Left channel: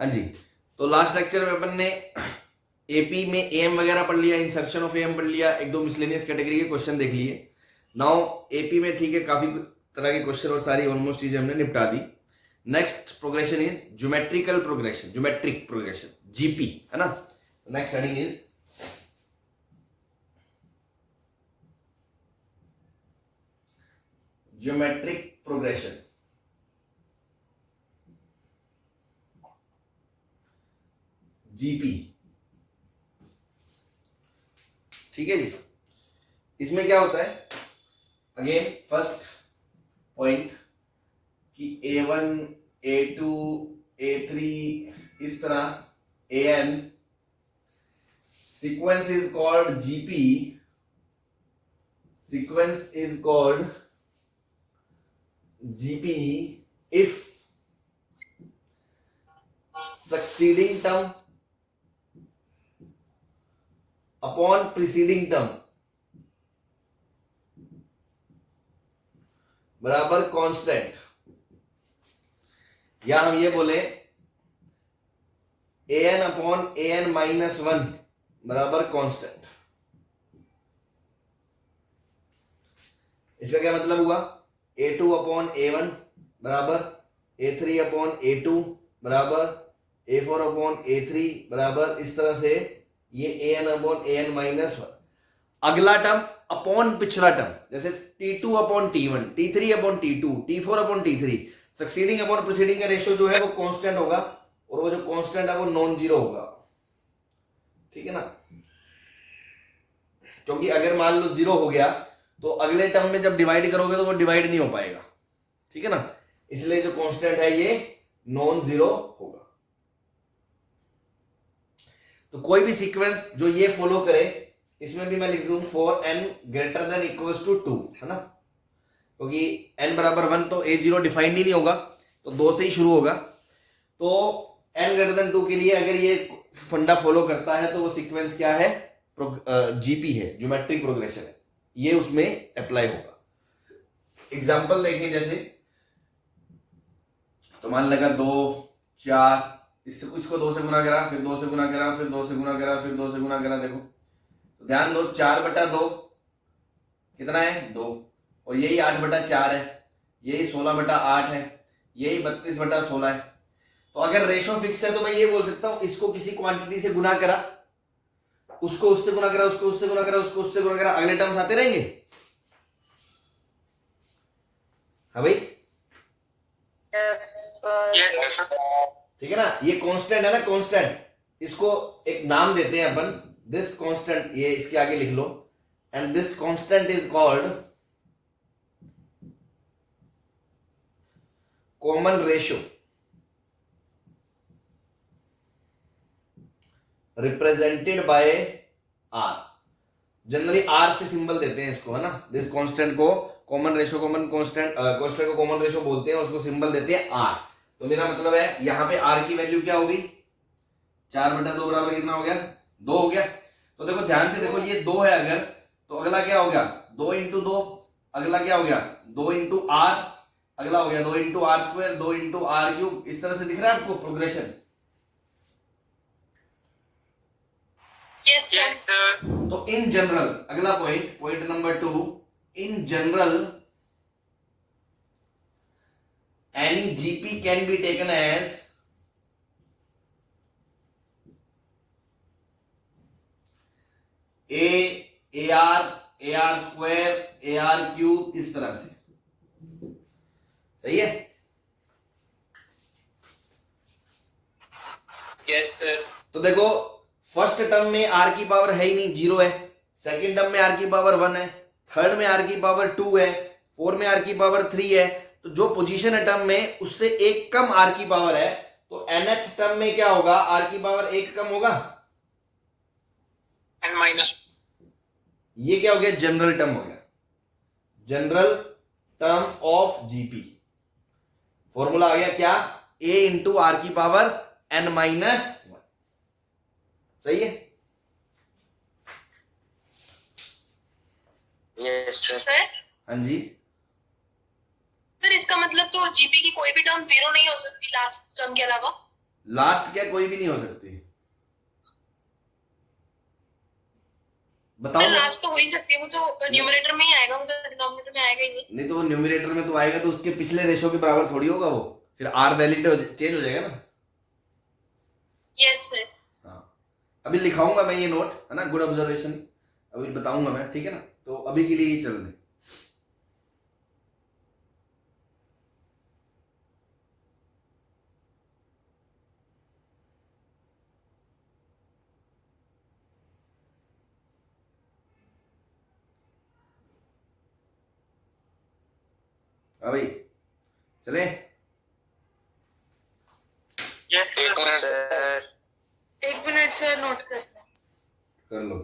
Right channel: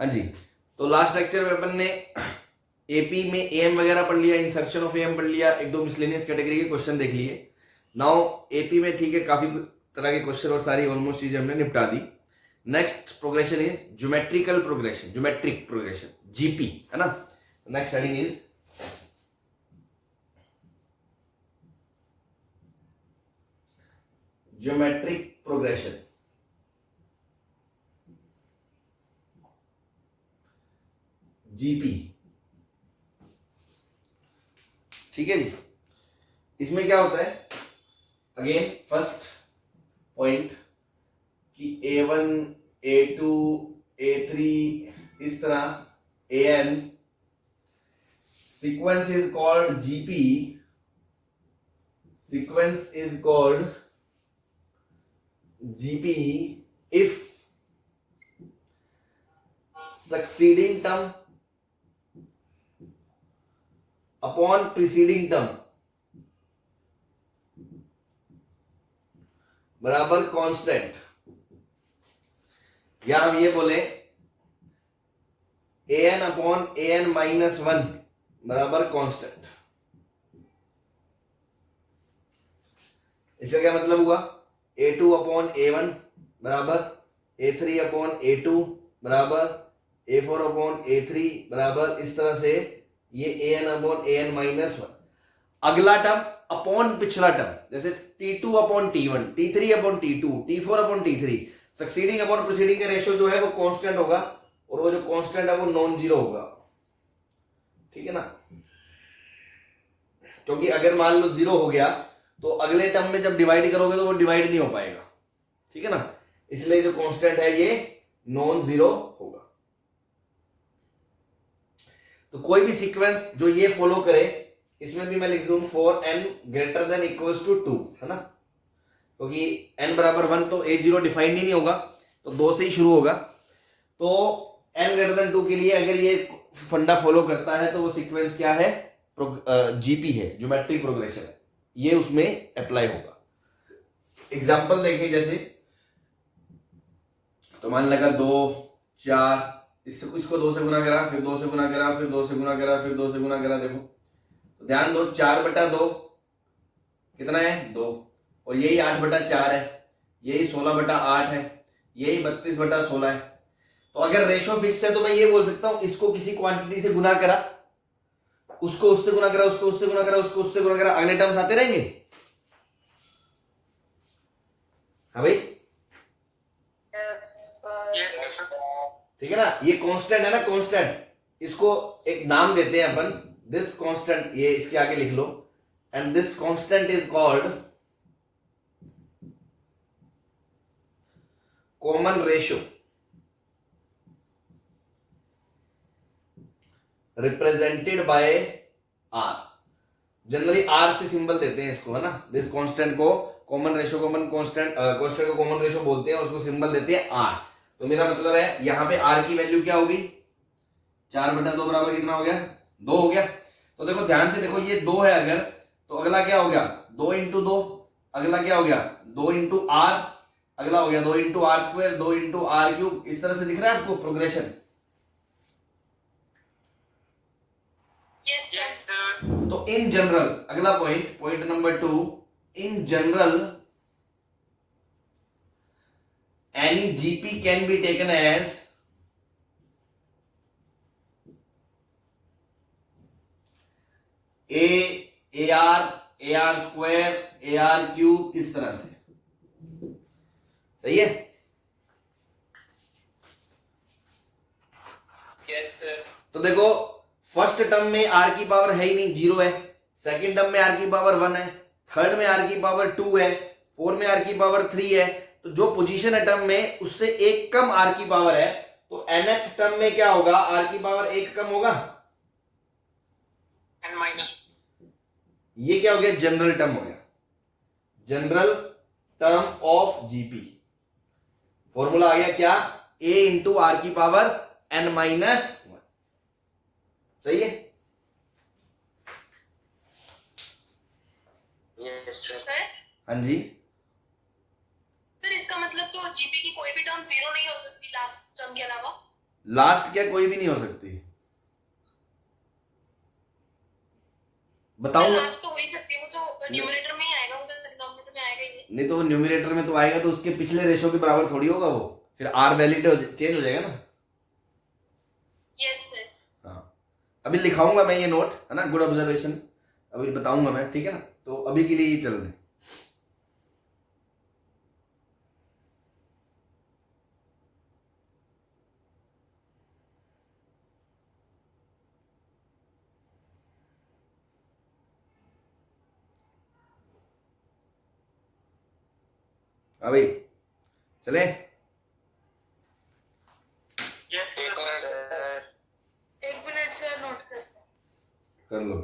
हाँ जी, तो लास्ट लेक्चर में अपन ने एपी में एम वगैरह पढ़ लिया, इंसर्शन ऑफ एम पढ़ लिया, एक दो मिसलेनियस कैटेगरी के क्वेश्चन देख लिए। नाउ एपी में ठीक है काफी तरह के क्वेश्चन और सारी ऑलमोस्ट चीजें हमने निपटा दी। Next progression is geometrical progression, geometric progression, GP, है ना। Next heading is geometric progression. GP, ठीक है जी। इसमें क्या होता है, अगेन फर्स्ट पॉइंट कि A1, A2, A3 इस तरह AN sequence is called GP, sequence is called GP if succeeding term upon preceding term बराबर कांस्टेंट, या हम ये बोले an अपॉन an माइनस 1 बराबर कांस्टेंट। इसका क्या मतलब हुआ, A2 अपॉन A1 बराबर A3 अपॉन A2 बराबर A4 अपॉन A3 बराबर, इस तरह से ये an अपॉन an माइनस 1। अगला टर्म अपॉन पिछला टर्म, जैसे T2 upon T1, T3 upon T2, T4 upon T3, succeeding upon preceding का रेशियो जो है वो कांस्टेंट होगा, और वो जो कांस्टेंट है वो नॉन जीरो होगा, ठीक है ना। क्योंकि अगर मान लो जीरो हो गया तो अगले टर्म में जब डिवाइड करोगे तो वो डिवाइड नहीं हो पाएगा, ठीक है ना। इसलिए जो कांस्टेंट है ये नॉन जीरो होगा। तो कोई भी सीक्वेंस जो ये फॉलो करे, इसमें भी मैं लिख दूं for n greater than equals to 2, है ना, क्योंकि n बराबर 1 तो a0 डिफाइंड ही नहीं होगा, तो 2 से ही शुरू होगा। तो n ग्रेटर देन 2 के लिए अगर ये फंडा फॉलो करता है तो वो सीक्वेंस क्या है, जीपी है, ज्योमेट्रिक प्रोग्रेशन है, ये उसमें अप्लाई होगा। एग्जांपल देखें, जैसे तो मान लगा 2 4, इसको 2 से गुना करा, फिर 2 से गुना करा, फिर 2 से गुना करा, फिर 2 से गुना करा। देखो तो ध्यान दो, 4/2 कितना है, 2, और यही 8/4 है, यही 16/8 है, यही 32/16 है। तो अगर रेशो फिक्स है तो मैं ये बोल सकता हूं इसको किसी क्वांटिटी से गुना करा, उसको उससे गुना करा, उसको उससे गुना करा, उसको उससे गुना करा, अगले टर्म्स आते रहेंगे। हाँ भाई, ठीक है ना, ये कांस्टेंट है ना, कांस्टेंट, इसको एक नाम देते हैं अपन, दिस कांस्टेंट, ये इसके आगे लिख लो, and this constant is called common ratio represented by R। Generally R से सिंबल देते हैं इसको, है ना। दिस कांस्टेंट को common ratio, common constant, constant को कॉमन रेशियो बोलते हैं, और उसको सिंबल देते हैं R। तो मेरा मतलब है यहां पे R की वैल्यू क्या होगी, 4/2 बराबर कितना हो गया, 2 हो गया। तो देखो ध्यान से देखो, ये 2 है अगर, तो अगला क्या हो गया, 2 इंटू 2, अगला क्या हो गया 2 इंटू R, अगला हो गया 2 इंटू R², 2 इंटू R³। इस तरह से दिख रहा है आपको प्रोग्रेशन। Yes, sir. तो इन जनरल, अगला point, point number 2, in general any GP can be taken as AR², AR³, इस तरह से, सही है। Yes, sir. तो देखो फर्स्ट टर्म में R की पावर है ही नहीं, 0 है, सेकंड टर्म में R की पावर 1 है, थर्ड में R की पावर 2 है, फोर्थ में R की पावर 3 है। तो जो पोजीशन है टर्म में उससे एक कम R की पावर है, तो nth टर्म में क्या होगा, R की पावर 1 कम होगा, N minus. ये क्या हो गया, जनरल टर्म हो गया, general term of GP. Formula आ गया क्या, A इंटू R की पावर n-1, सही है। Yes, sir. हाँ जी, सर इसका मतलब तो जीपी की कोई भी टर्म जीरो नहीं हो सकती लास्ट टर्म के अलावा। लास्ट क्या कोई भी नहीं हो सकती, बताओ ना। लास्ट तो हो ही सकती है, वो तो न्यूमरेटर में ही आएगा, वो तो डिनोमिनेटर में आएगा ही नहीं। नहीं तो वो न्यूमरेटर में तो आएगा, तो उसके पिछले रेशो के बराबर थोड़ी होगा वो, फिर आर वैल्यू चेंज हो जाएगा ना। Yes sir. हाँ, अभी लिखाऊंगा मैं ये नोट, है ना, गुड ऑब्जर्वेशन, अभी बताऊंगा मैं, ठीक है ना। तो अभी के लिए ये चल रहे। अभी चले। Yes, sir. एक मिनट सर, नोट करते हैं। कर लो।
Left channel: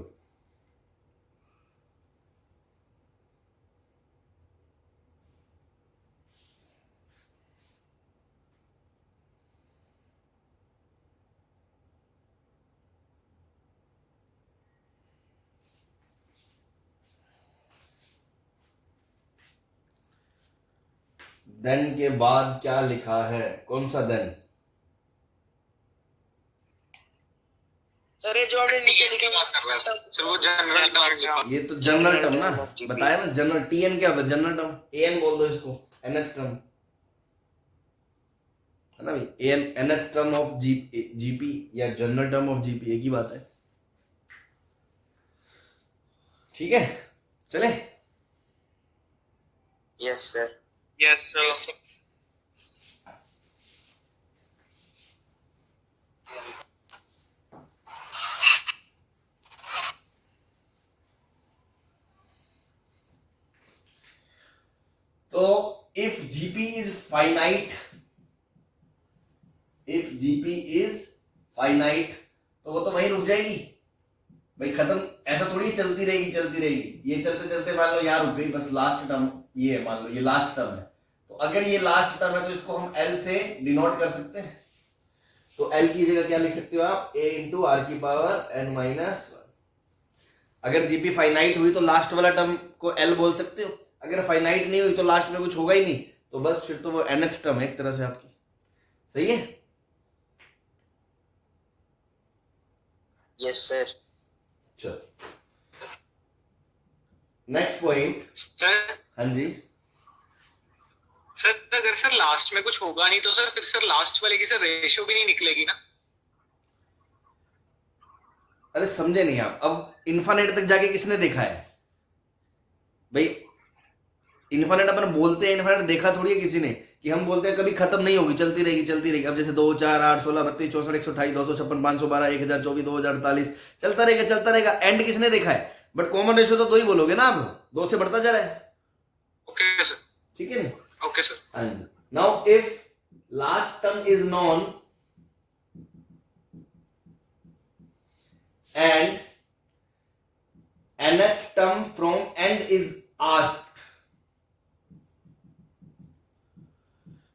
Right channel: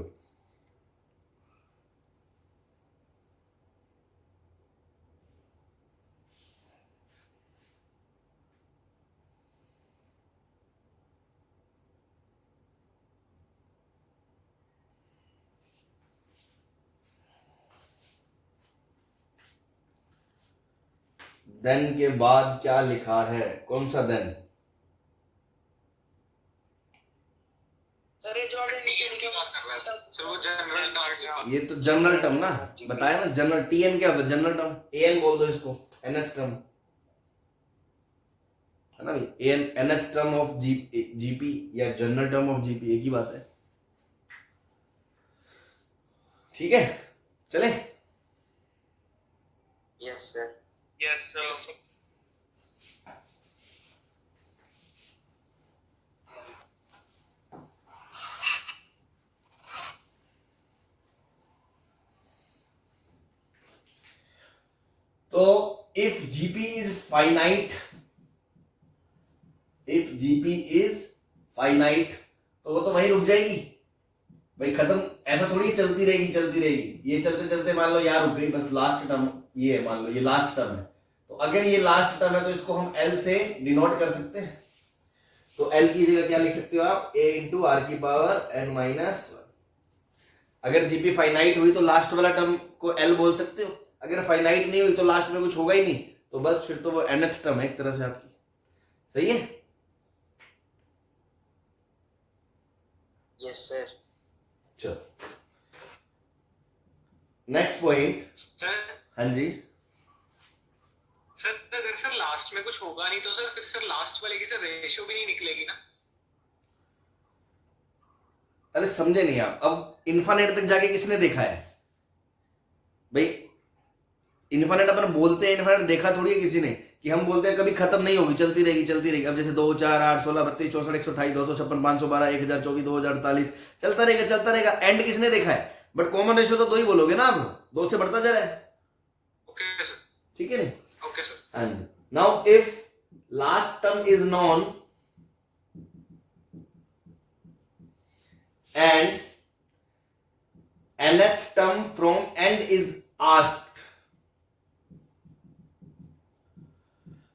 देन के बाद क्या लिखा है, कौन सा देन? सर ये जो आपने नीचे लिखे बात कर रहे हैं सर, वो जनरल टर्म। ये तो जनरल टर्म ना, बताया ना, जनरल टीएन क्या होता है, जनरल टर्म, एएन बोल दो इसको, एनएथ टर्म, है ना भाई, AN nth term of GP या जनरल टर्म ऑफ जीपी, एक ही बात है, ठीक है। चले। Yes, sir. Yes, sir. तो if GP is finite, if GP is finite, तो वो तो वहीं रुक जाएगी भाई, खत्म, ऐसा थोड़ी चलती रहेगी चलती रहेगी, ये चलते चलते मान लो यहाँ रुक गई, बस लास्ट टर्म ये है, मान लो ये लास्ट टर्म है, तो अगर ये लास्ट टर्म है तो इसको हम एल से डिनोट कर सकते हैं। तो एल की जगह क्या लिख सकते हो आप, ए इंटू आर की पावर एन माइनस। अगर जीपी फाइनाइट हुई तो लास्ट वाला टर्म को एल बोल सकते हो, अगर फाइनाइट नहीं हुई तो लास्ट में कुछ होगा ही नहीं, तो बस फिर तो वो nth टर्म है एक तरह से आपकी, सही है। Yes, sir. चलो नेक्स्ट पॉइंट। सर हाँ जी, सर अगर सर लास्ट में कुछ होगा नहीं तो सर फिर सर लास्ट वाले की सर रेशियो भी नहीं निकलेगी ना। अरे समझे नहीं आप, अब इन्फानेट तक जाके किसने देखा है भाई, इन्फानेट अपन बोलते हैं, इन्फानेट देखा थोड़ी है किसी ने, कि हम बोलते हैं कभी खत्म नहीं होगी, चलती रहेगी चलती रहेगी। अब जैसे 2 4 8 16 32 64 128 256 512 1024 2048 चलता रहेगा, एंड किसने देखा है? बट कॉमन रेशियो तो 2 ही बोलोगे ना आप, 2 से बढ़ता जा रहा है, ओके सर, ठीक है। Okay sir. हाँ जी, now if last term is known and nth term from end is asked,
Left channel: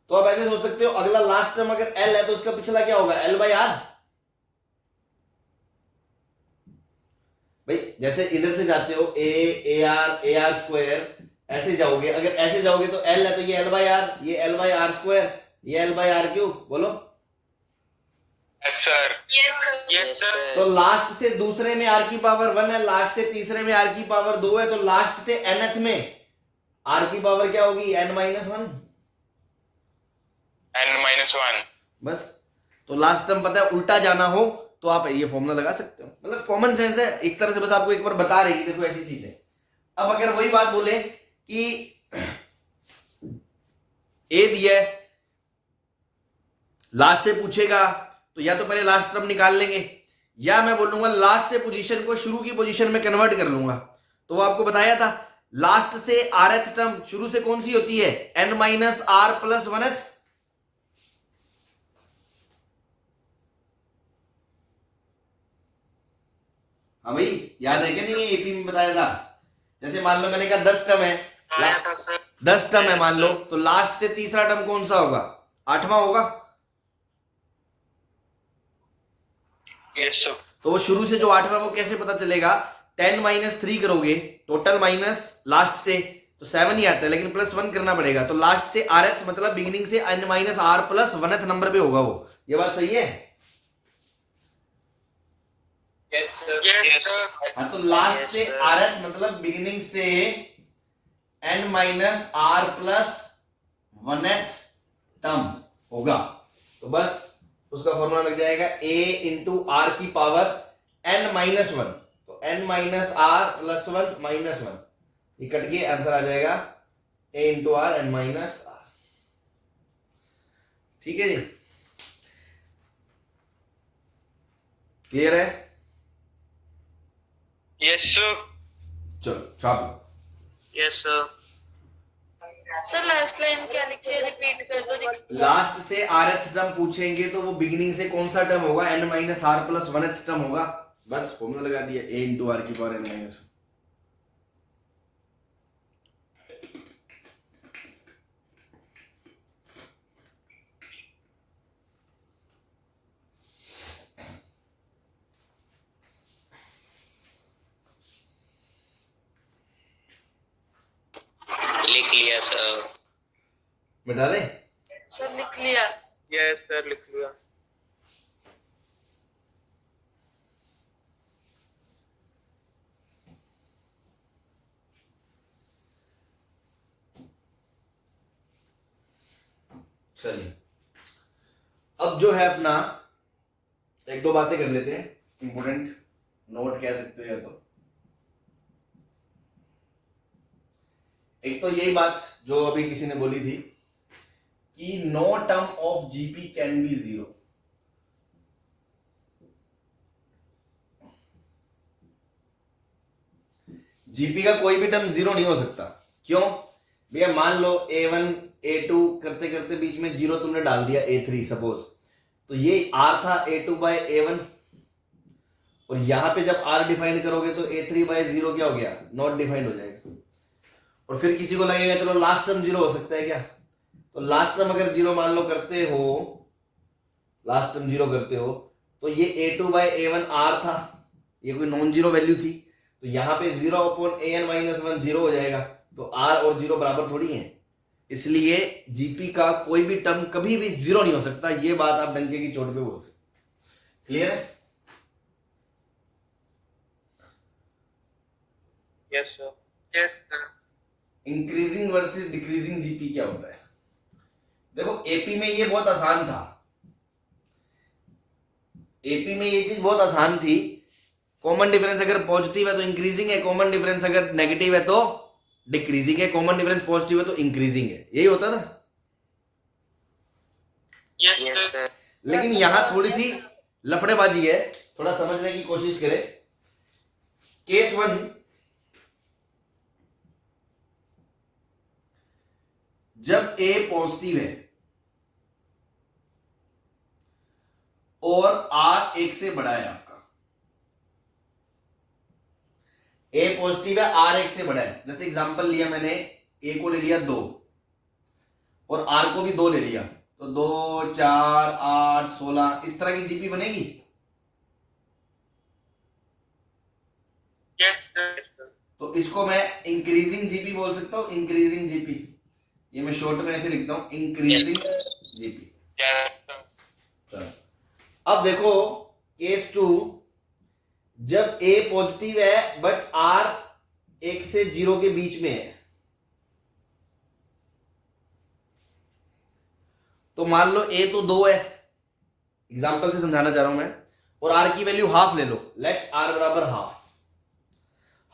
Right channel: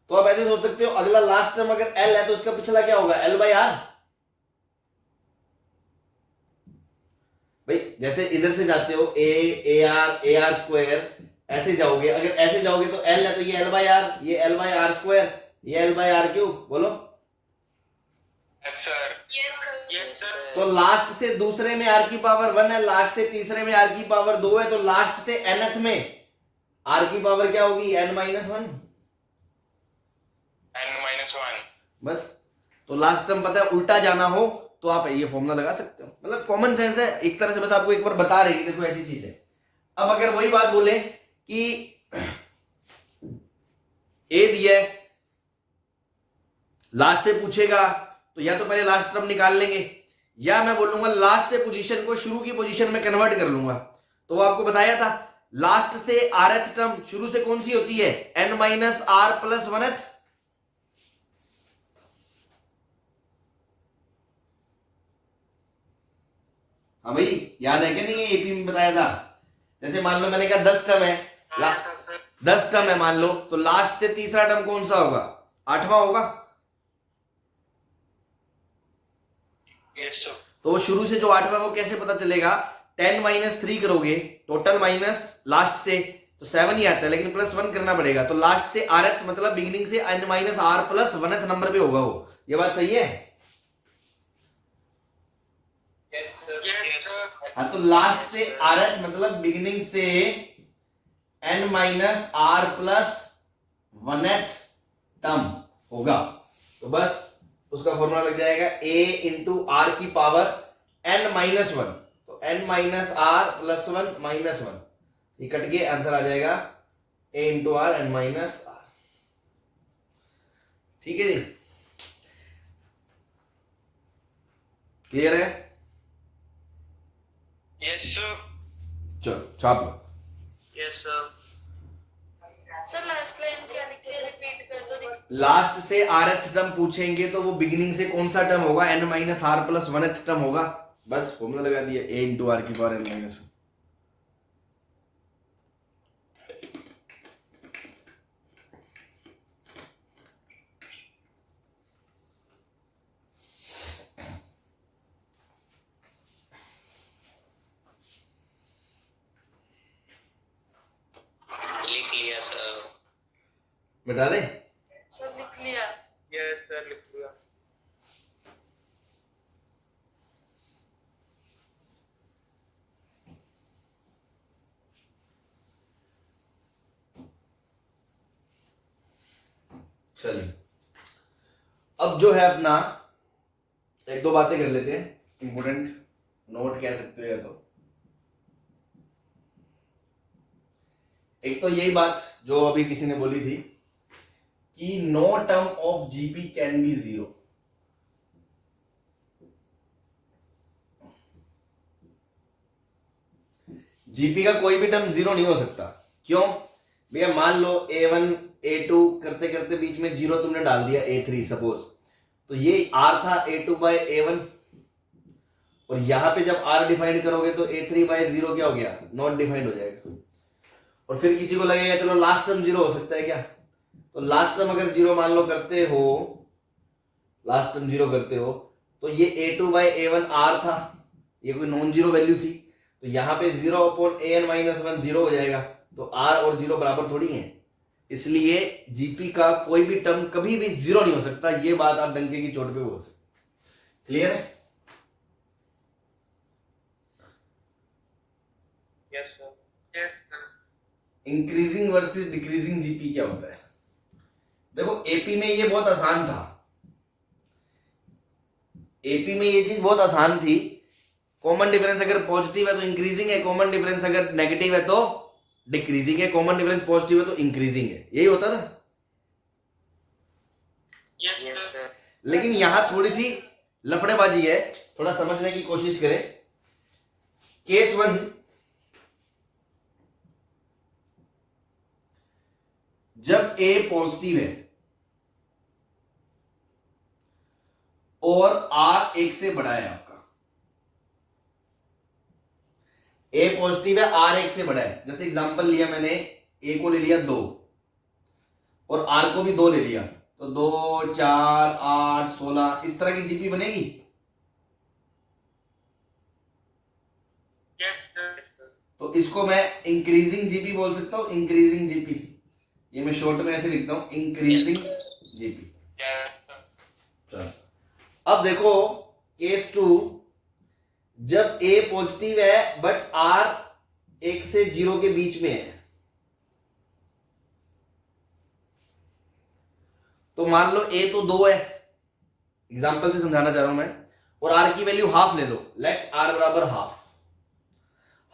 तो आप ऐसे सोच सकते हो, अगला लास्ट टर्म अगर L है तो उसका पिछला क्या होगा, L बाई आर। भाई जैसे इधर से जाते हो ए आर स्क्वायर, ऐसे जाओगे, अगर ऐसे जाओगे तो L है तो ये L बाई आर, ये L बाई आर स्क्वायर, ये L बाई आर क्यूब, बोलो। Yes, sir. Yes sir. Yes, sir. तो लास्ट से दूसरे में आर की पावर 1 है, लास्ट से तीसरे में आर की पावर 2 है, तो लास्ट से nth में आर की पावर क्या होगी, n माइनस 1, N-1. बस। तो लास्ट टर्म पता है, उल्टा जाना हो तो आप ये फॉर्मूला लगा सकते हो, मतलब कॉमन सेंस है एक तरह से, बस आपको एक बार बता रहे कि देखो ऐसी चीज है। अब अगर वही बात बोले कि ए दिया है, लास्ट से पूछेगा तो या तो पहले लास्ट टर्म निकाल लेंगे, या मैं बोलूंगा लास्ट से पोजीशन को शुरू की पोजीशन में कन्वर्ट कर लूंगा। तो वो आपको बताया था, लास्ट से rth टर्म शुरू से कौन सी होती है, n minus r plus 1th। हाँ भाई, याद है क्या नहीं, एपी में बताया था। जैसे मान लो मैंने कहा 10 टर्म है, 10 टर्म है मान लो, तो लास्ट से तीसरा टर्म कौन सा होगा, 8वां होगा। Yes, sir. तो वो शुरू से जो 8वां वो कैसे पता चलेगा, 10 माइनस 3 करोगे टोटल माइनस लास्ट से तो 7 ही आता है, लेकिन प्लस 1 करना पड़ेगा, तो लास्ट से rth मतलब बिगिनिंग से n minus r plus 1th number पे होगा वो, ये बात सही है? Yes sir. हाँ, तो लास्ट Yes, से sir. rth मतलब बिगिनिंग से n minus r plus 1th term होगा, तो बस उसका फॉर्मूला लग जाएगा a इंटू आर की पावर n माइनस 1, तो n minus r plus 1 minus 1, ये कट के आंसर आ जाएगा a into r n minus r. ठीक है जी, क्लियर है? Yes sir. चलो छाप लो। Yes sir. Sir last line क्या लिखी है, रिपीट कर दो। लास्ट से rth टर्म पूछेंगे तो वो बिगिनिंग से कौन सा टर्म होगा, n minus r plus 1th term होगा, बस फॉर्मूला लगा दिया a इंटू आर की पावर n माइनस 1। लिख लिया सर। बता दे। सर लिख लिया। यस सर, लिख लिया। चलिए अब जो है अपना एक दो बातें कर लेते हैं, इंपोर्टेंट नोट कह सकते हो या तो। एक तो यही बात जो अभी किसी ने बोली थी कि no term of GP can be zero. GP का कोई भी टर्म जीरो नहीं हो सकता। क्यों भैया? मान लो a1 a2 करते करते बीच में जीरो तुमने डाल दिया a3 सपोज, तो ये r था a2 बाय a1, और यहां पे जब r डिफाइंड करोगे तो a3 बाय 0 क्या हो गया? नॉट डिफाइंड हो जाएगा। और फिर किसी को लगेगा चलो लास्ट टर्म जीरो हो सकता है क्या, तो लास्ट टर्म अगर जीरो मान लो करते हो, लास्ट टर्म जीरो करते हो, तो ये a2 बाय a1 r था, ये कोई नॉन जीरो वैल्यू थी, तो यहां पे 0 अपॉन an माइनस 1 जीरो हो जाएगा, तो r और जीरो बराबर थोड़ी है, इसलिए जीपी का कोई भी टर्म कभी भी जीरो नहीं हो सकता। ये बात आप डंके की चोट पे बोल सकते। क्लियर है? Yes sir. Yes sir. Increasing versus decreasing GP क्या होता है? देखो एपी में ये बहुत आसान था, एपी में ये चीज बहुत आसान थी। कॉमन डिफरेंस अगर पॉजिटिव है तो इंक्रीजिंग है, कॉमन डिफरेंस अगर नेगेटिव है तो डिक्रीजिंग है, कॉमन डिफरेंस पॉजिटिव है तो इंक्रीजिंग है, यही होता था। Yes sir. लेकिन यहां थोड़ी सी लफड़ेबाजी है, थोड़ा समझने की कोशिश करें। केस 1, जब a पॉजिटिव है और r एक से बड़ा है, आपका a पॉजिटिव है, r एक से बड़ा है, जैसे एग्जांपल लिया मैंने, a को ले लिया 2 और r को भी 2 ले लिया, तो 2 4 8 16 इस तरह की जीपी बनेगी। Yes sir. तो इसको मैं इंक्रीजिंग जीपी बोल सकता हूं, इंक्रीजिंग जीपी, ये मैं शॉर्ट में ऐसे लिखता हूं, इंक्रीजिंग जीपी। चलो अब देखो केस 2, जब a पॉजिटिव है बट r 1 से 0 के बीच में है, तो मान लो a तो 2 है, एग्जांपल से समझाना चाह रहा हूं मैं, और r की वैल्यू हाफ ले लो, लेट r बराबर हाफ।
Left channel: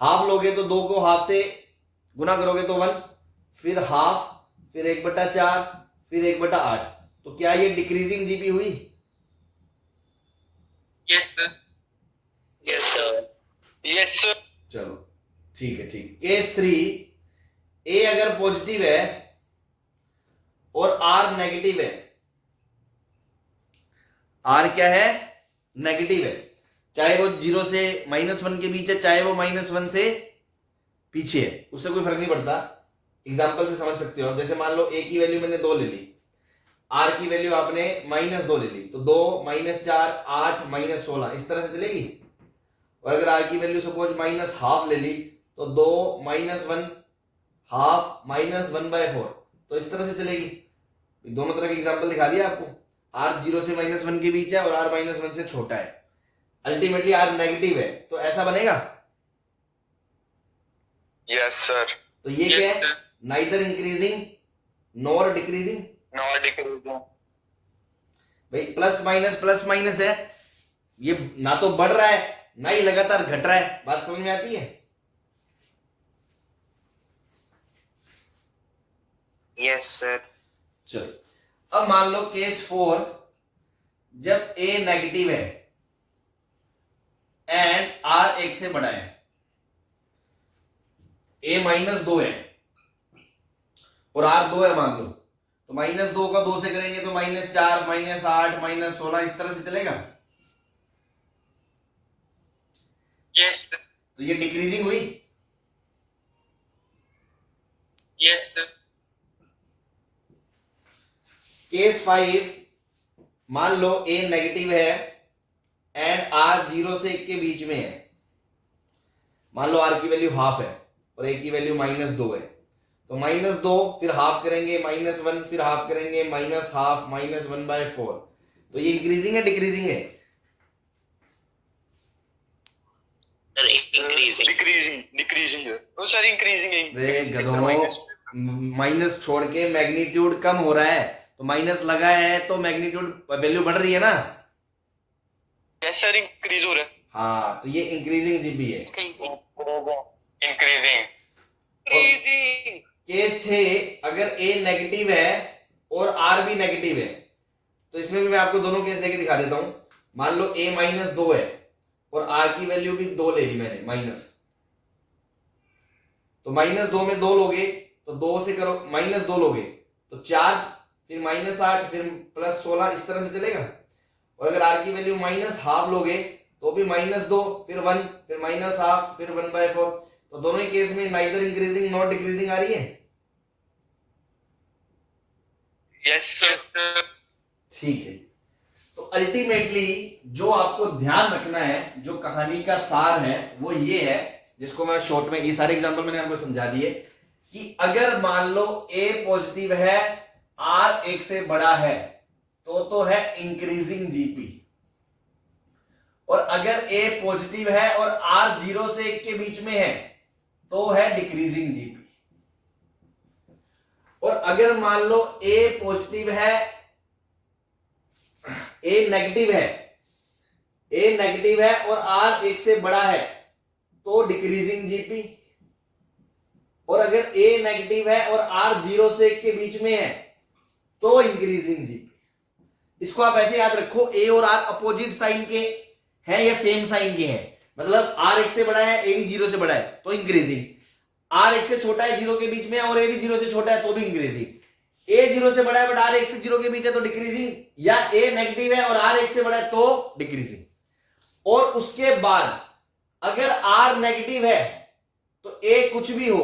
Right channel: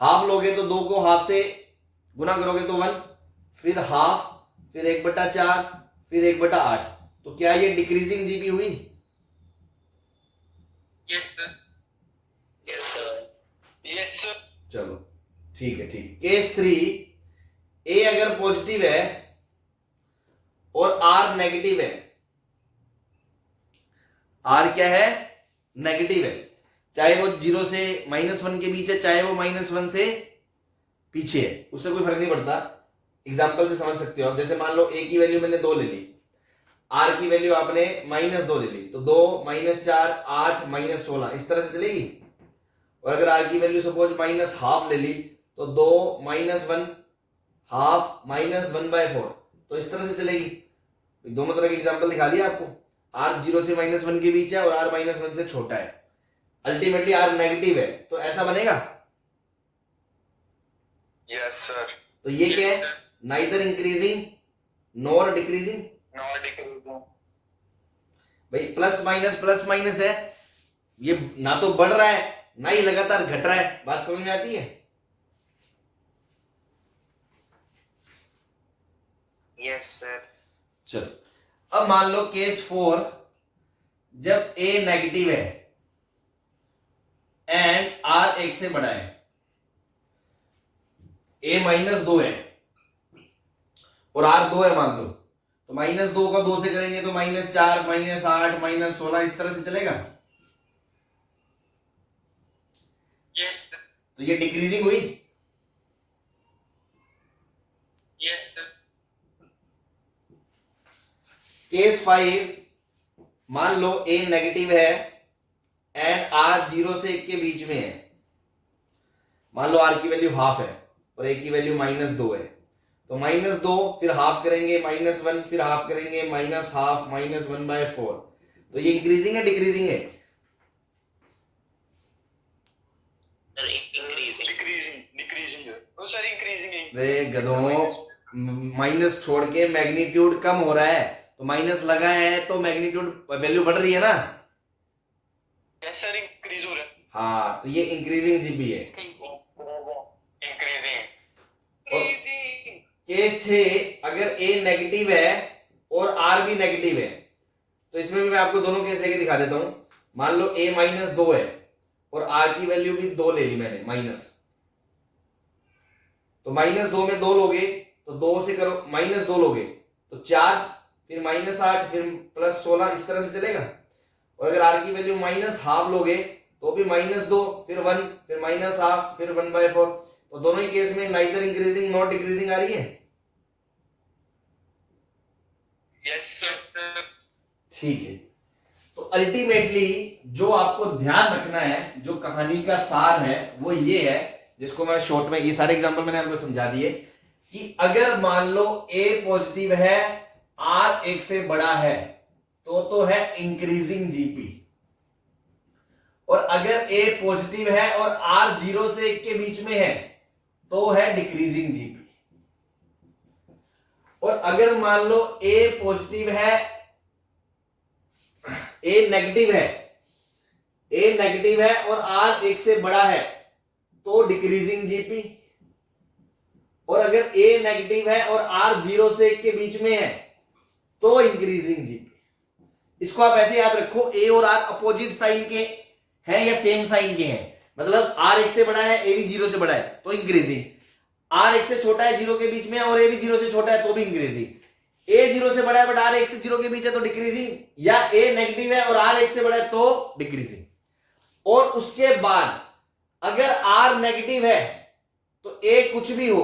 हाफ लोगे तो 2 को हाफ से गुना करोगे तो 1, फिर हाफ, फिर 1/4, फिर 1/8, तो क्या ये डिक्रीजिंग जीपी हुई? Yes sir. Yes sir. Yes sir. चलो ठीक है, ठीक। केस 3, a अगर पॉजिटिव है और r नेगेटिव है, r क्या है? नेगेटिव है, चाहे वो 0 से -1 के बीच है, चाहे वो -1 से पीछे है, उससे कोई फर्क नहीं पड़ता। एग्जांपल से समझ सकते हो, जैसे मान लो a की वैल्यू मैंने 2 ले ली, r की वैल्यू आपने -2 ले ली, तो 2 -4 8 -16 इस तरह से चलेगी। और अगर r की वैल्यू सपोज -1/2 ले ली, तो 2 -1 हाफ -1/4, तो इस तरह से चलेगी। दोनों तरह की एग्जांपल दिखा दिया आपको। आर 0 से -1 के बीच है और आर -1 से छोटा है, अल्टीमेटली आर नेगेटिव है, तो ऐसा बनेगा। Yes sir. तो ये क्या Yes, है, sir. Neither increasing nor decreasing. Not decreasing. भाई प्लस माइनस है, ये ना तो बढ़ रहा है ना ही लगातार घट रहा है, बात समझ में आती है। Yes sir. चलो अब मान लो केस 4, जब a नेगेटिव है एंड r 1 से बड़ा है, a -2 है और r 2 है मान लो, तो -2 का 2 से करेंगे तो -4 -8 -16 इस तरह से चलेगा। Yes, sir. तो ये डिक्रीजिंग हुई। Yes, sir. केस 5, मान लो a नेगेटिव है एंड r 0 से 1 के बीच में है, मान लो r की वैल्यू हाफ है और a की वैल्यू -2 है, तो -2 फिर हाफ करेंगे -1 फिर हाफ करेंगे -हाफ -1/4, तो ये इंक्रीजिंग है डिक्रीजिंग है। इंक्रीजिंग डिक्रीजिंग डिक्रीजिंग है। ओ सर इंक्रीजिंग रे गधों, माइनस छोड़ के मैग्नीट्यूड कम हो रहा है, तो माइनस लगा है तो मैग्नीट्यूड वैल्यू बढ़ रही है ना। यस सर इंक्रीज हो रहा है। हाँ, तो ये इंक्रीजिंग जीपी है। Increasing. इंक्रीजिंग। केस 6, अगर a नेगेटिव है और r भी नेगेटिव है, तो इसमें भी मैं आपको दोनों केस लेके दिखा देता हूं। मान लो a -2 है और r की वैल्यू भी 2 ले ली मैंने माइनस, तो -2 में 2 लोगे तो 2 से करो -2 लोगे तो 4 फिर -8 फिर +16 इस तरह से चलेगा। और अगर r की वैल्यू -हाफ लोगे तो भी -2 फिर 1 फिर -हाफ फिर 1/4, तो दोनों ही केस में नाइदर इंक्रीजिंग नॉट डिक्रीजिंग आ रही है। Yes Yes, sir. ठीक है, तो अल्टीमेटली जो आपको ध्यान रखना है, जो कहानी का सार है वो ये है, जिसको मैं शॉर्ट में, ये सारे एग्जांपल मैंने आपको समझा दिए, कि अगर मान लो a पॉजिटिव है, r 1 से बड़ा है, तो है इंक्रीजिंग जीपी, और अगर a पॉजिटिव है और r 0 से 1 के बीच में है तो है डिक्रीजिंग जीपी। और अगर मान लो a पॉजिटिव है, a नेगेटिव है और r 1 से बड़ा है तो डिक्रीजिंग जीपी, और अगर a नेगेटिव है और r 0 से 1 के बीच में है तो इंक्रीजिंग जीपी। इसको आप ऐसे याद रखो, a और r अपोजिट साइन के हैं या सेम साइन के हैं, मतलब r 1 से बड़ा है a भी 0 से बड़ा है तो इंक्रीजिंग, r 1 से छोटा है 0 के बीच में और a भी 0 से छोटा है तो भी इंक्रीजिंग, a 0 से बड़ा है बट r 1 से 0 के बीच है तो डिक्रीजिंग, या a नेगेटिव है और r 1 से बड़ा है तो डिक्रीजिंग। और उसके बाद अगर r नेगेटिव है तो a कुछ भी हो,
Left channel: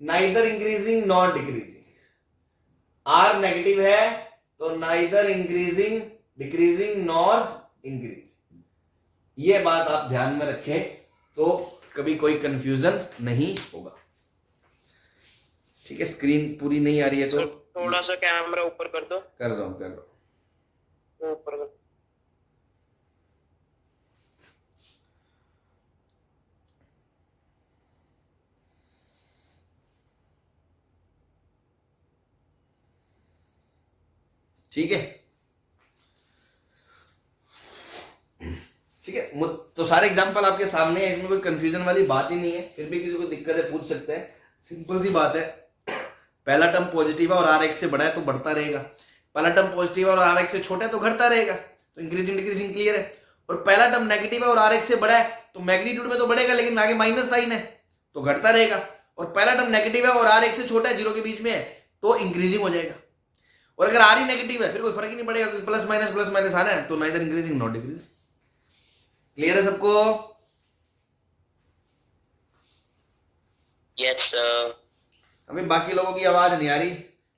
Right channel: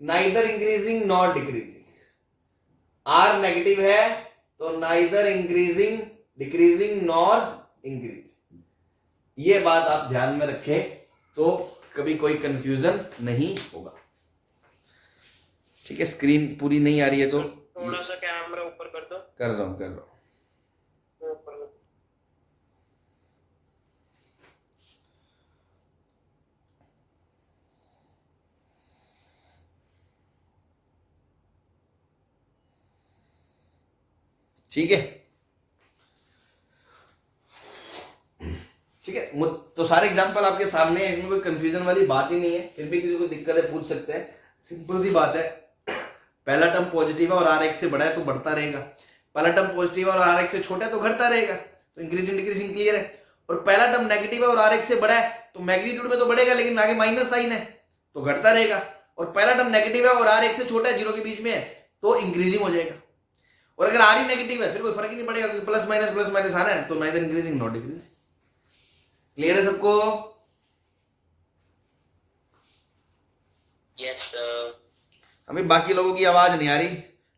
neither increasing not decreasing, r negative है तो neither increasing decreasing nor increasing. ये बात आप ध्यान में रखें तो कभी कोई कंफ्यूजन नहीं होगा। ठीक है, स्क्रीन पूरी नहीं आ रही है तो थोड़ा सा कैमरा ऊपर कर दो। कर रहा हूं। ऊपर कर। ठीक है, ठीक है, तो सारे एग्जांपल आपके सामने है, इसमें कोई कंफ्यूजन वाली बात ही नहीं है। फिर भी किसी को दिक्कत है पूछ सकते हैं, सिंपल सी बात है। पहला टर्म पॉजिटिव है और r 1 से बड़ा है तो बढ़ता रहेगा, पहला टर्म पॉजिटिव है और r 1 से छोटा है तो घटता रहेगा, तो इंक्रीजिंग डिक्रीजिंग क्लियर है। और पहला टर्म नेगेटिव है और r 1 से बड़ा है तो मैग्नीट्यूड में तो बढ़ेगा लेकिन आगे माइनस साइन है तो घटता रहेगा, और पहला टर्म नेगेटिव है और r 1 से छोटा है 0 के बीच में है तो इंक्रीजिंग हो जाएगा। और अगर r ही नेगेटिव है फिर कोई फर्क ही नहीं पड़ेगा क्योंकि प्लस माइनस आना है, तो neither increasing not decreasing. Clear है सबको? Yes sir. हमें बाकी लोगों की आवाज नहीं आ रही,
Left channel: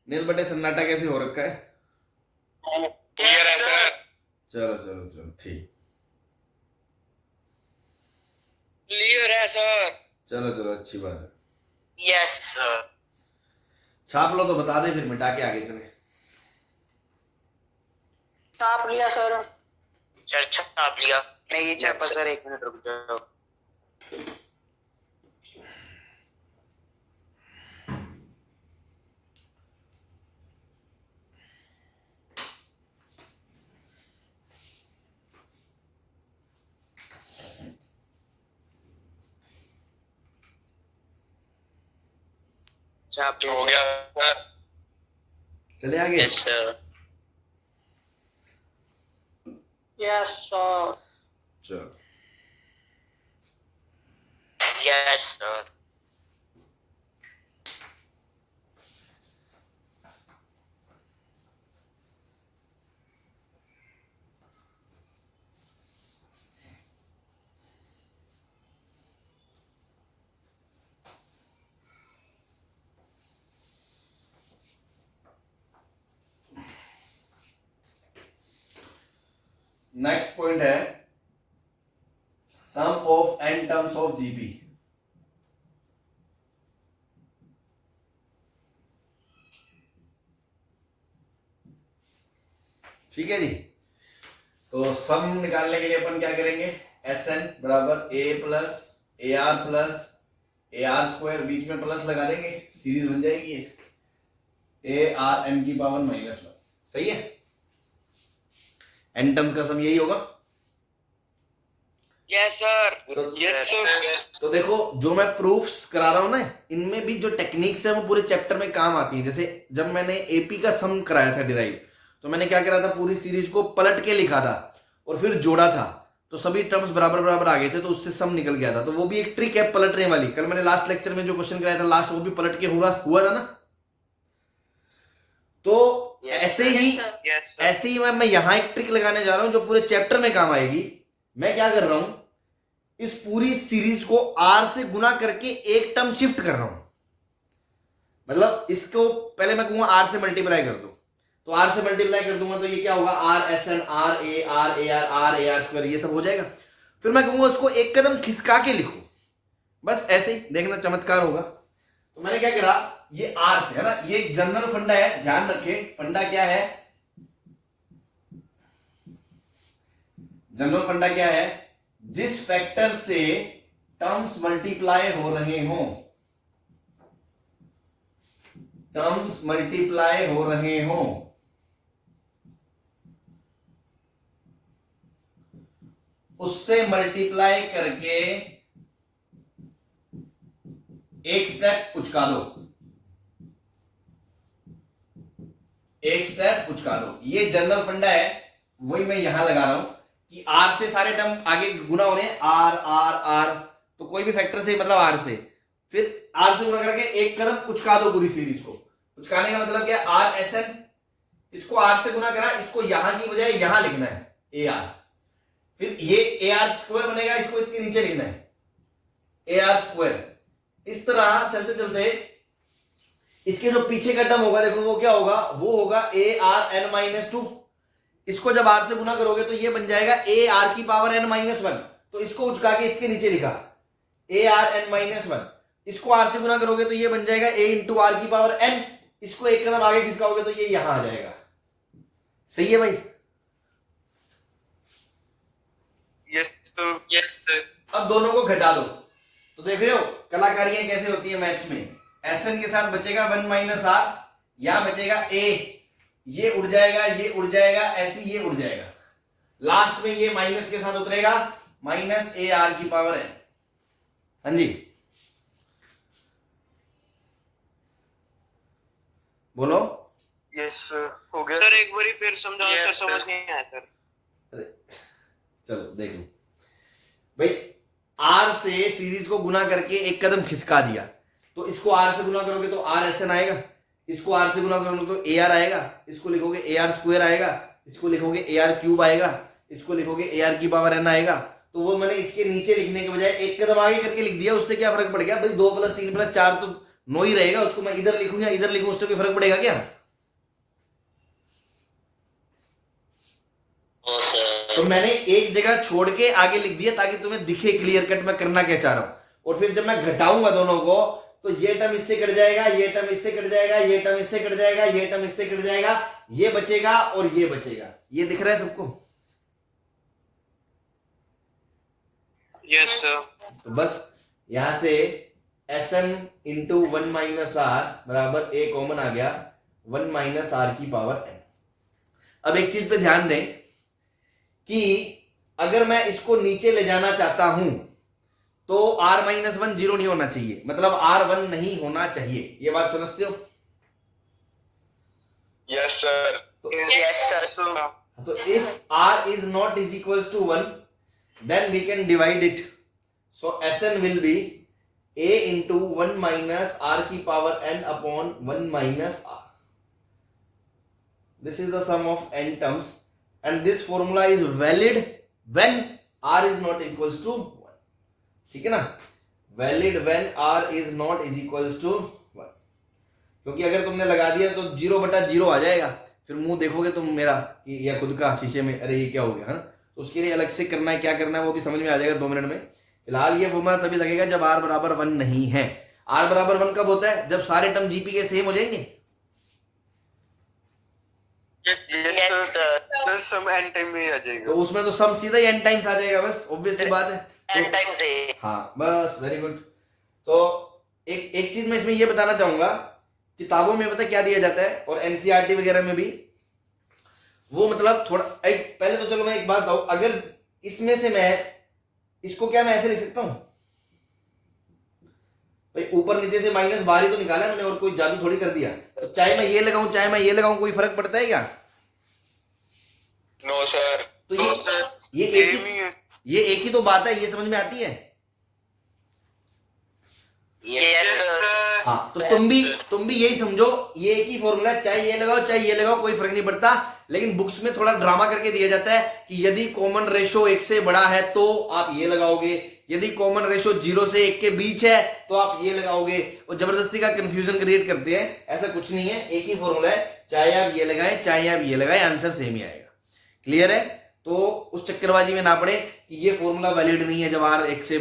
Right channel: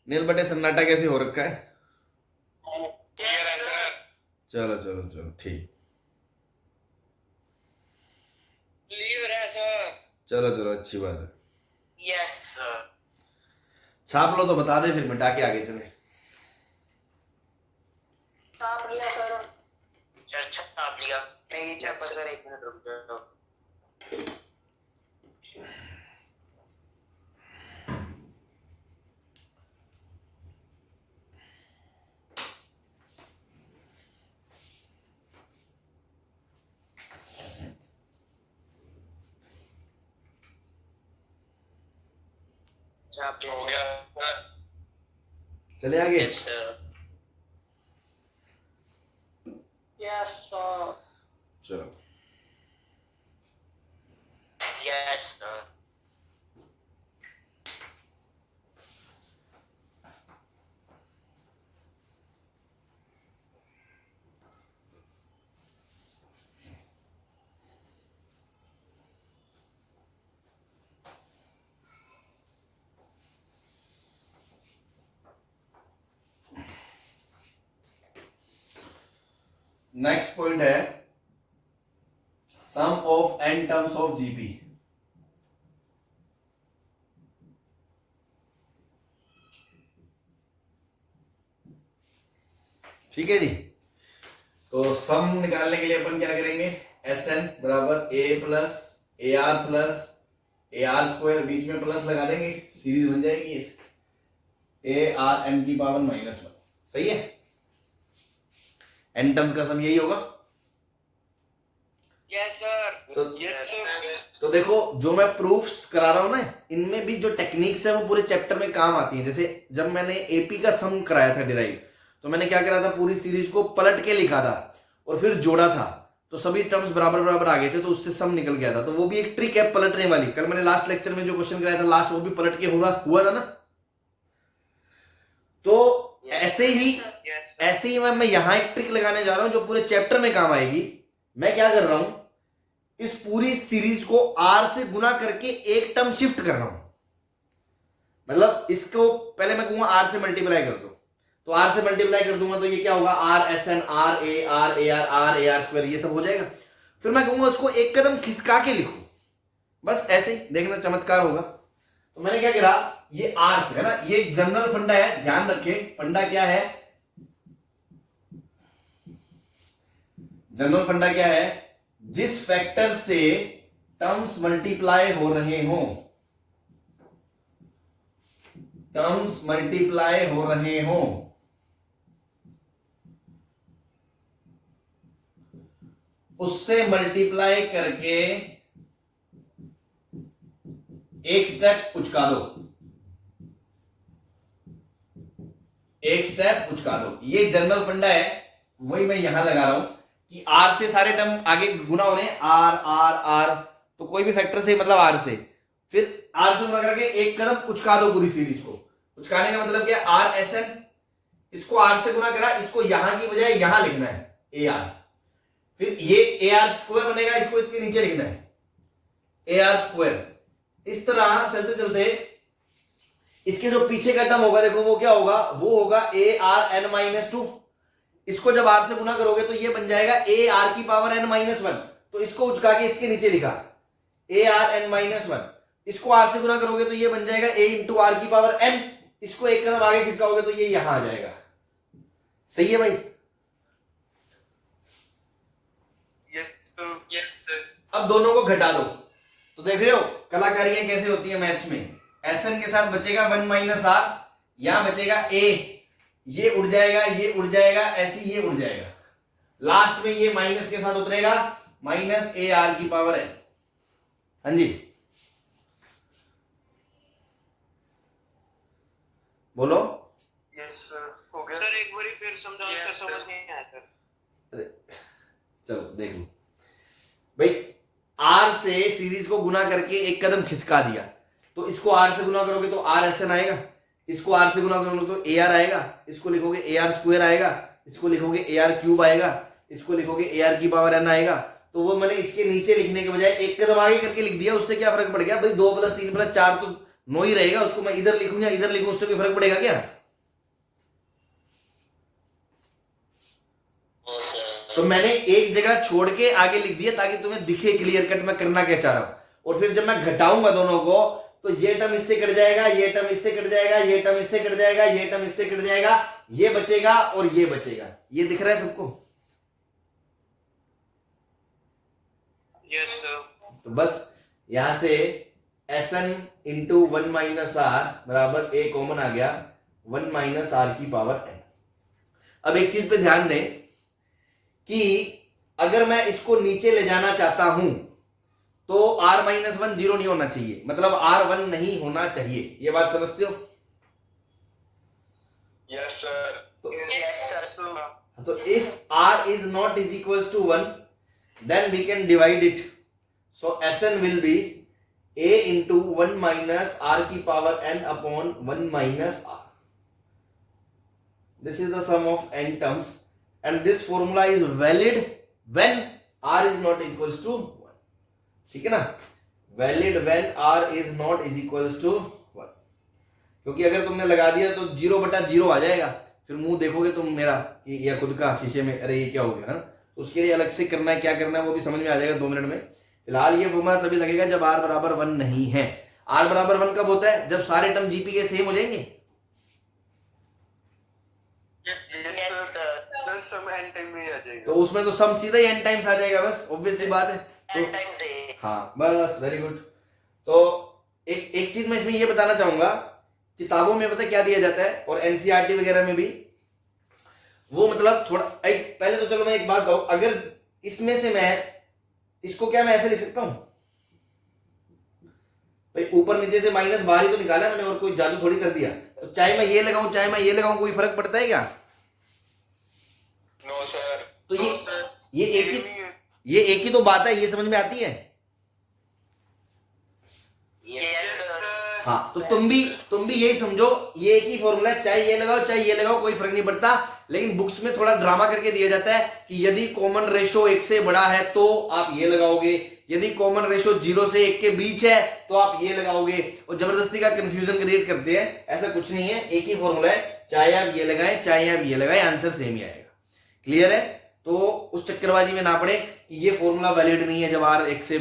नील बटे सन्नाटा कैसे हो रखा है? क्लियर है सर। चलो चलो चलो ठीक, क्लियर है सर। चलो चलो अच्छी बात है। Yes sir. छाप लो तो बता दे, फिर मिटा के आगे चले। छाप लिया सर। सर छाप लिया। नहीं छापा सर, 1 मिनट रुक जाओ। छाप हो लिया गया सर। चले आगे। Yes sir. Yes sir. चलो यस सर। नेक्स्ट पॉइंट है sum of n terms of GP. ठीक है जी। तो सम निकालने के लिए अपन क्या करेंगे, एस एन बराबर ए प्लस ए आर स्क्वायर, बीच में प्लस लगा देंगे, सीरीज बन जाएगी ए आर एन की पावर -1। सही है, एन टर्म्स का सम यही होगा। Yes sir. तो यस सर। तो देखो जो मैं प्रूफ्स करा रहा हूं ना, इनमें भी जो टेक्निक्स है वो पूरे चैप्टर में काम आती है। जैसे जब मैंने एपी का सम कराया था डिराइव, तो मैंने क्या करा था, पूरी सीरीज को पलट के लिखा था और फिर जोड़ा था, तो सभी टर्म्स बराबर बराबर आ गए थे, तो उससे सम निकल गया था। तो वो भी एक ट्रिक है पलटने वाली। कल मैंने लास्ट लेक्चर में जो क्वेश्चन कराया था लास्ट, वो भी पलट के हुआ था ना। तो ऐसे ही यस सर। ऐसे ही मैं यहां एक ट्रिक लगाने जा रहा हूं जो पूरे चैप्टर में काम आएगी। मैं क्या कर रहा हूं, इस पूरी सीरीज को आर से गुना करके एक टर्म शिफ्ट कर रहा हूं। मतलब इसको पहले मैं कहूंगा आर से मल्टीप्लाई कर दो, तो आर से मल्टीप्लाई कर दूंगा तो ये क्या होगा, R S N R A R square, ये सब हो जाएगा। फिर मैं कहूंगा उसको एक कदम खिसका के लिखो, बस ऐसे ही देखना चमत्कार होगा। तो मैंने क्या करा, ये आर से है ना, ये जनरल फंडा है, ध्यान रखे फंडा क्या है, जनरल फंडा क्या है, जिस फैक्टर से टर्म्स मल्टीप्लाई हो रहे हो, टर्म्स मल्टीप्लाई हो रहे हो, उससे मल्टीप्लाई करके एक स्टेप उचका दो, एक स्टेप उचका दो। ये जनरल फंडा है, वही मैं यहां लगा रहा हूं कि आर से सारे टर्म आगे गुना हो रहे हैं, आर आर आर, तो कोई भी फैक्टर से मतलब आर से, फिर आर से गुना करके एक कदम उचका दो पूरी सीरीज को। उचकाने का मतलब क्या, आर एस एन, इसको आर से गुना करा, इसको यहां की बजाय यहां लिखना है ए आर, फिर ये ए आर स्क्वायर बनेगा, इसको इसके नीचे लिखना है ए आर स्क्वायर। इस तरह चलते चलते इसके जो पीछे का टर्म होगा, देखो वो क्या होगा, वो होगा ए आर एन -2। इसको जब आर से गुना करोगे तो ये बन जाएगा ए आर की पावर n -1। तो इसको उचका के इसके नीचे लिखा ए आर एन -1। इसको आर से गुना करोगे तो ये बन जाएगा ए इंटू आर की पावर n। इसको एक कदम आगे खिसकाओगे तो ये यहां आ जाएगा। सही है भाई? Yes sir. Yes sir. अब दोनों को घटा दो, तो देख रहे हो कलाकारियां कैसे होती है मैथ्स में। एसएन के साथ बचेगा 1 - आर, यहां बचेगा ए, ये उड़ जाएगा, ये उड़ जाएगा, ऐसे ये उड़ जाएगा, लास्ट में ये माइनस के साथ उतरेगा, -AR की पावर n। हाँ जी बोलो। Yes sir. हो गया सर, एक बार फिर समझाओ सर, समझ नहीं आया सर। चलो देख लो भाई, आर से सीरीज को गुना करके एक कदम खिसका दिया, तो इसको आर से गुना करोगे तो आर एस एन आएगा, इसको आर से गुना करोगे तो ए आर आएगा, इसको लिखोगे ए आर स्क्वायर आएगा, इसको लिखोगे ए आर क्यूब आएगा, इसको लिखोगे ए आर की पावर n आएगा। तो वो मैंने इसके नीचे लिखने के बजाय एक कदम आगे करके लिख दिया, उससे क्या फर्क पड़ गया भाई, 2 + 3 + 4 तो 9 ही रहेगा। उसको मैं इधर लिखूं या इधर लिखूं, उससे कोई फर्क पड़ेगा क्या? तो मैंने एक जगह छोड़ के आगे लिख दिया ताकि तुम्हें दिखे क्लियर कट मैं करना क्या चाह रहा हूं। और फिर जब मैं घटाऊंगा दोनों को, तो ये टर्म इससे कट जाएगा, ये टर्म इससे कट जाएगा, ये टर्म इससे कट जाएगा, ये टर्म इससे कट जाएगा, ये बचेगा और ये बचेगा, ये दिख रहा है सबको? Yes sir. तो बस यहां से Sn इंटू 1 माइनस आर बराबर a कॉमन आ गया 1 माइनस आर की पावर n। अब एक चीज पे ध्यान दें कि अगर मैं इसको नीचे ले जाना चाहता हूं तो r माइनस 1 जीरो नहीं होना चाहिए, मतलब r1 नहीं होना चाहिए। ये बात समझते हो? Yes sir. तो if r is not is equals to 1 then we can divide it, so Sn will be a into 1 minus r की power n upon 1 minus r. This is the sum of n terms and this formula is valid when r is not equals to 1. ठीक है ना? Valid when r is not is equals to 1. क्योंकि अगर तुमने लगा दिया तो 0/0 आ जाएगा, फिर मुंह देखोगे तुम मेरा कि या खुद का शीशे में, अरे ये क्या हो गया है ना? तो उसके लिए अलग से करना है, क्या करना है वो भी समझ में आ जाएगा 2 मिनट में। फिलहाल ये फॉर्मूला तभी लगेगा जब r बराबर 1 नहीं है। r बराबर 1 कब होता है? जब सारे टर्म जीपी के सेम हो जाएंगे। Yes sir. सर सम एन टाइम में आ जाएगा, तो उसमें तो सम सीधा ही n टाइम्स आ जाएगा, बस ऑब्वियस सी बात है। n times a। हाँ बस, वेरी गुड। तो एक चीज मैं इसमें ये बताना चाहूंगा, किताबों में पता क्या दिया जाता है और एनसीईआरटी वगैरह में भी, वो मतलब थोड़ा पहले तो चलो मैं एक बात बताऊं, अगर इसमें से मैं इसको क्या मैं ऐसे लिख सकता हूं भाई, ऊपर नीचे से माइनस बाहर ही तो निकाला मैंने और कोई जादू थोड़ी कर दिया। तो चाहे मैं ये लगाऊं चाहे मैं ये लगाऊं कोई फर्क पड़ता है क्या? No sir. तो ये एक ही तो बात है, ये समझ में आती है? Yes sir. हाँ, तो तुम भी यही समझो, ये एक ही फॉर्मूला है, चाहे ये लगाओ चाहे ये लगाओ कोई फर्क नहीं पड़ता। लेकिन बुक्स में थोड़ा ड्रामा करके दिया जाता है कि यदि कॉमन रेशो 1 से बड़ा है तो आप ये लगाओगे, यदि कॉमन रेशो 0 से 1 के बीच है तो आप ये लगाओगे, और जबरदस्ती का कंफ्यूजन क्रिएट करते हैं। ऐसा कुछ नहीं है, एक ही फॉर्मूला है, चाहे आप ये लगाएं चाहे आप ये लगाएं, आंसर सेम ही आएगा। क्लियर है? तो उस चक्करबाजी में ना पड़े कि ये फॉर्मूला वैलिड नहीं है जब r 1 से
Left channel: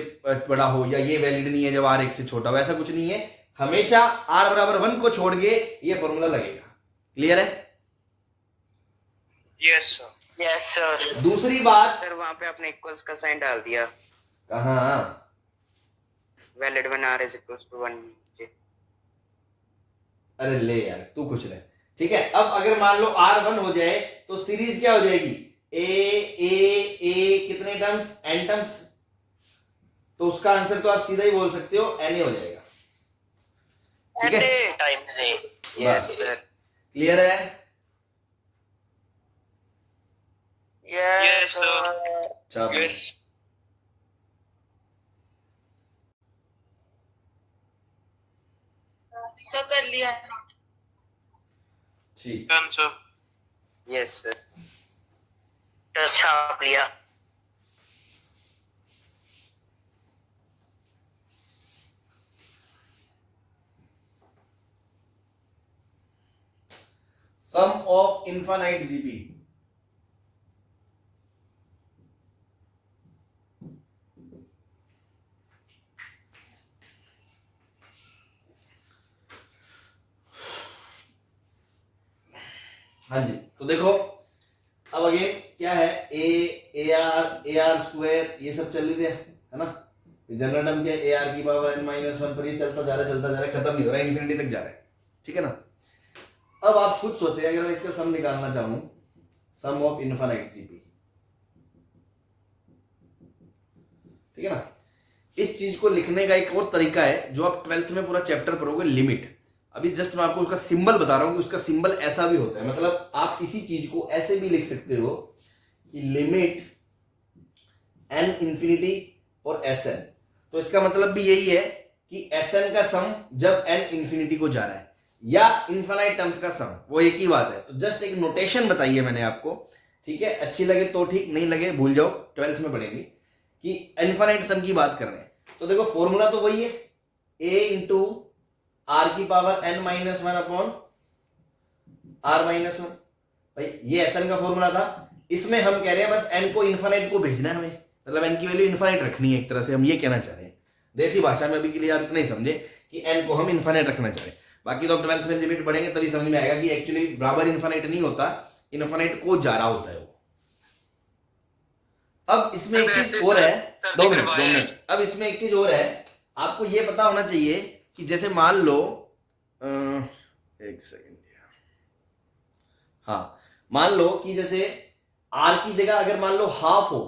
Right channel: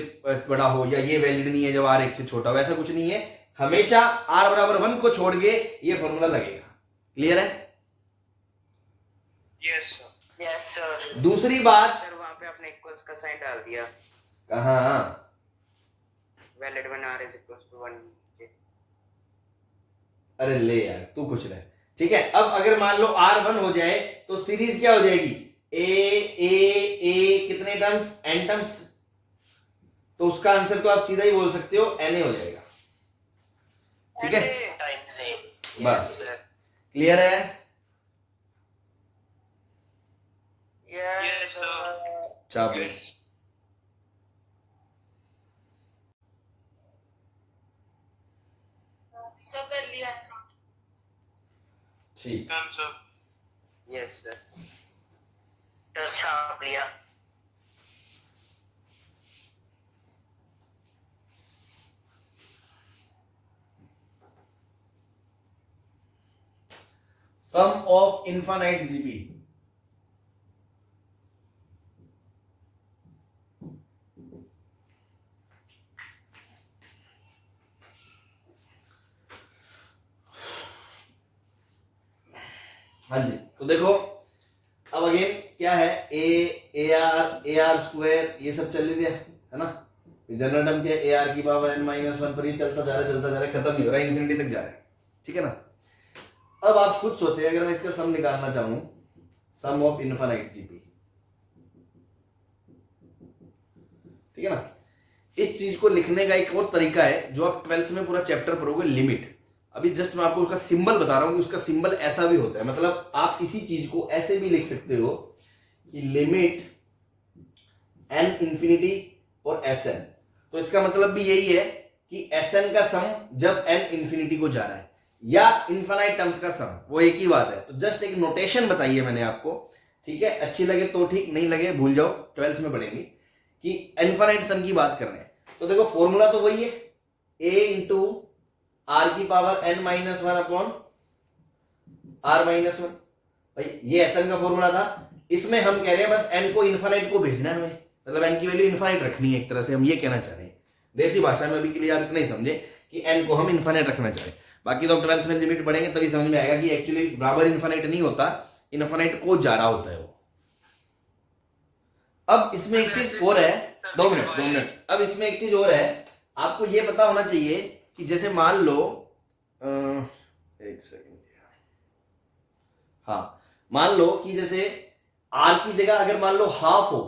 बड़ा हो, या ये वैलिड नहीं है जब r 1 से छोटा हो। ऐसा कुछ नहीं है, हमेशा r बराबर 1 को छोड़ के ये फॉर्मूला लगेगा। क्लियर है? Yes sir. Yes sir. दूसरी बात, सर वहां पे आपने इक्वल्स का साइन डाल दिया। कहाँ? Valid when r is equals to 1। अरे ले यार तू कुछ रहे। ठीक है, अब अगर मान लो r1 हो जाए तो सीरीज क्या हो जाएगी? a कितने टर्म्स? n terms. तो उसका आंसर तो आप सीधा ही बोल सकते हो na हो जाएगा। ठीक है, times a। Yes sir. Clear है? Yes sir. चलो यस। सर कर लिया। ठीक। Done sir. Yes sir. छाप लिया। Sum of infinite GP. हाँ जी, तो देखो अब अगेन क्या है, ए आर स्क्वायर ये सब चल रही है ना। जनरल टर्म क्या है? ए आर की पावर n माइनस 1 पर ये चलता जा रहा है, खत्म नहीं हो रहा है, इन्फिनिटी तक जा रहा है। ठीक है ना? अब आप खुद सोचें, अगर मैं इसका सम निकालना चाहूं, सम ऑफ इनफाइनाइट जीपी, ठीक है ना, इस चीज को लिखने का एक और तरीका है जो आप 12th में पूरा चैप्टर पढ़ोगे, लिमिट। अभी जस्ट मैं आपको उसका सिंबल बता रहा हूं कि उसका सिंबल ऐसा भी होता है, मतलब आप किसी चीज को ऐसे भी लिख सकते हो कि लिमिट n इंफिनिटी और Sn। तो इसका मतलब भी यही है कि Sn का सम जब n इंफिनिटी को जा रहा है, या इनफाइनाइट टर्म्स का सम, वो एक ही बात है। तो जस्ट एक नोटेशन बताइए मैंने आपको, ठीक है? अच्छी लगे तो ठीक, नहीं लगे भूल जाओ, 12th में पढ़ेंगे कि इनफाइनाइट सम की बात करना है। तो देखो फॉर्मूला तो वही है, a इंटू r की power n minus 1 upon r minus 1। भाई ये Sn का फॉर्मूला था, इसमें हम कह रहे हैं बस n को इनफाइनाइट को भेजना है हमें, मतलब n की वैल्यू इनफाइनाइट रखनी है, एक तरह से हम ये कहना चाह रहे हैं। देसी भाषा में अभी के लिए आप इतना ही समझे कि n को हम इनफाइनाइट रखना चाह रहे हैं। बाकी तो 12th में लिमिट पढ़ेंगे तभी समझ में आएगा कि एक्चुअली बराबर इन्फानाइट नहीं होता, इन्फानाइट को जा रहा होता है वो। अब इसमें एक चीज और है, 2 मिनट, अब इसमें एक चीज और है, आपको ये पता होना चाहिए कि जैसे मान लो एक सेकंड, हाँ मान लो कि जैसे r की जगह अगर मान लो हाफ हो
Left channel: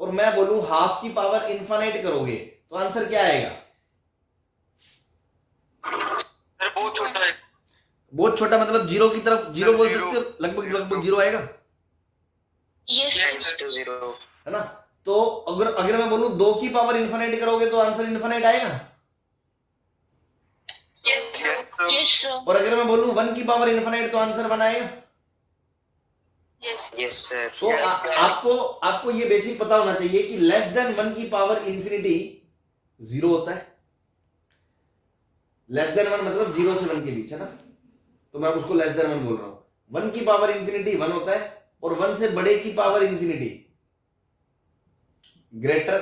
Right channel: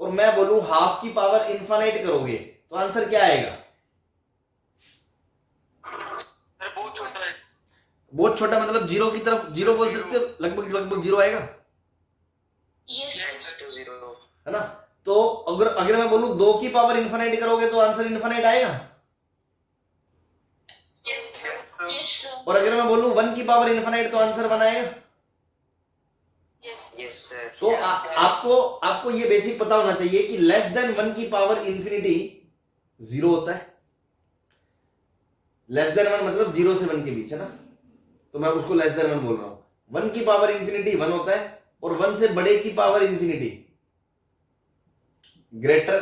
और मैं बोलूं हाफ की पावर इन्फानाइट करोगे तो आंसर क्या आएगा? सर बहुत छोटा है। बहुत छोटा मतलब जीरो की तरफ, जीरो बोल सकते हो, लगभग लगभग जीरो आएगा, यस Tends to 0. है ना? तो अगर मैं बोलूं 2 की पावर इन्फानाइट करोगे तो आंसर इन्फानाइट आएगा। यस सर और अगर मैं बोलूं 1 की पावर इन्फानाइट तो आंसर 1 आएगा। Yes Yes, sir. तो आपको ये बेसिक पता होना चाहिए कि लेस देन 1 की पावर इंफिनिटी 0 होता है। लेस देन 1 मतलब 0 से 1 के बीच, है ना? तो मैं उसको लेस देन 1 बोल रहा हूं। 1 की पावर इंफिनिटी 1 होता है और 1 से बड़े की पावर इंफिनिटी ग्रेटर,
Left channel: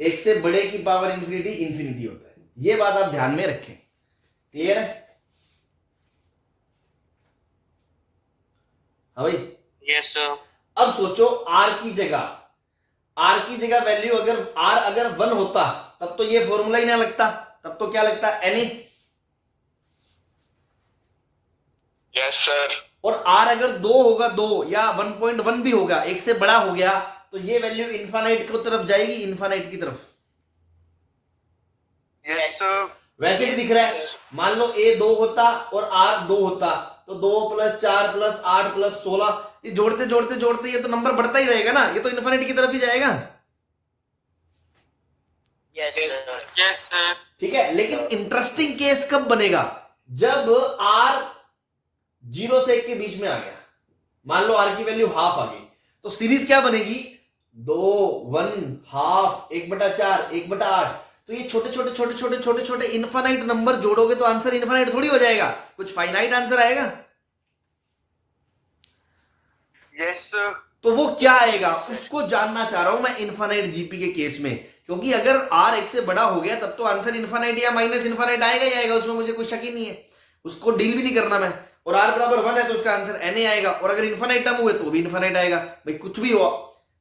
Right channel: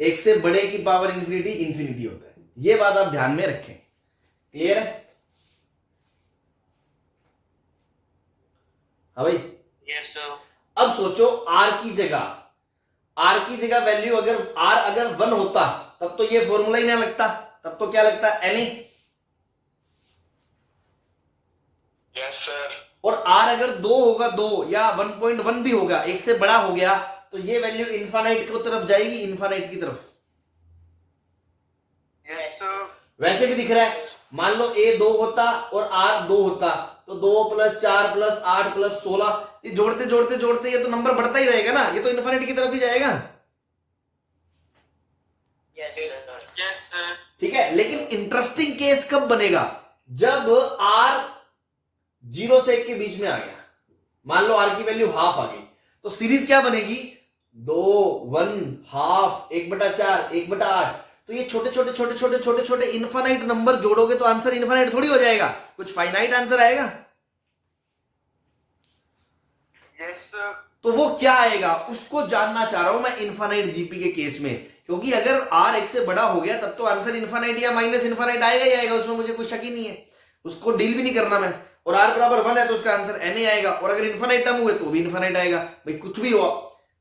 1 से बड़े की पावर इंफिनिटी इंफिनिटी होता है। ये बात आप ध्यान में रखें। क्लियर है? हाँ भाई। Yes sir. अब सोचो r की जगह वैल्यू अगर r अगर 1 होता तब तो ये फॉर्मूला ही ना लगता, तब तो क्या लगता है na। Yes sir. और r अगर 2 होगा, 2 या 1.1 भी होगा, 1 से बड़ा हो गया तो ये वैल्यू इन्फानाइट की तरफ जाएगी, इन्फानाइट की तरफ। Yes sir. वैसे भी दिख रहा है, मान लो a 2 होता और r 2 होता तो 2 + 4 + 8 + 16, ये जोड़ते जोड़ते जोड़ते ये तो नंबर बढ़ता ही रहेगा ना, ये तो इन्फिनिटी की तरफ ही जाएगा। Yes sir. ठीक है, लेकिन इंटरेस्टिंग केस कब बनेगा? जब r 0 से 1 के बीच में आ गया। मान लो r की वैल्यू हाफ आ गई तो सीरीज क्या बनेगी? 2 1 हाफ 1/4 1/8। तो ये छोटे छोटे छोटे छोटे छोटे छोटे इनफाइनाइट नंबर जोड़ोगे तो आंसर इनफाइनाइट थोड़ी हो जाएगा, कुछ फाइनाइट आंसर आएगा। Yes sir. तो वो क्या आएगा उसको जानना चाह रहा हूं मैं इनफाइनाइट जीपी के केस में, क्योंकि अगर r 1 से बड़ा हो गया तब तो आंसर इनफाइनाइट या माइनस इनफाइनाइट आएगा ही आएगा, उसमें मुझे कोई शक ही नहीं है, उसको डील भी नहीं करना मैं। और r बराबर 1 है तो उसका आंसर na आएगा, और अगर इनफाइनाइट टर्म हुए तो भी इनफाइनाइट आएगा। भाई कुछ भी हो,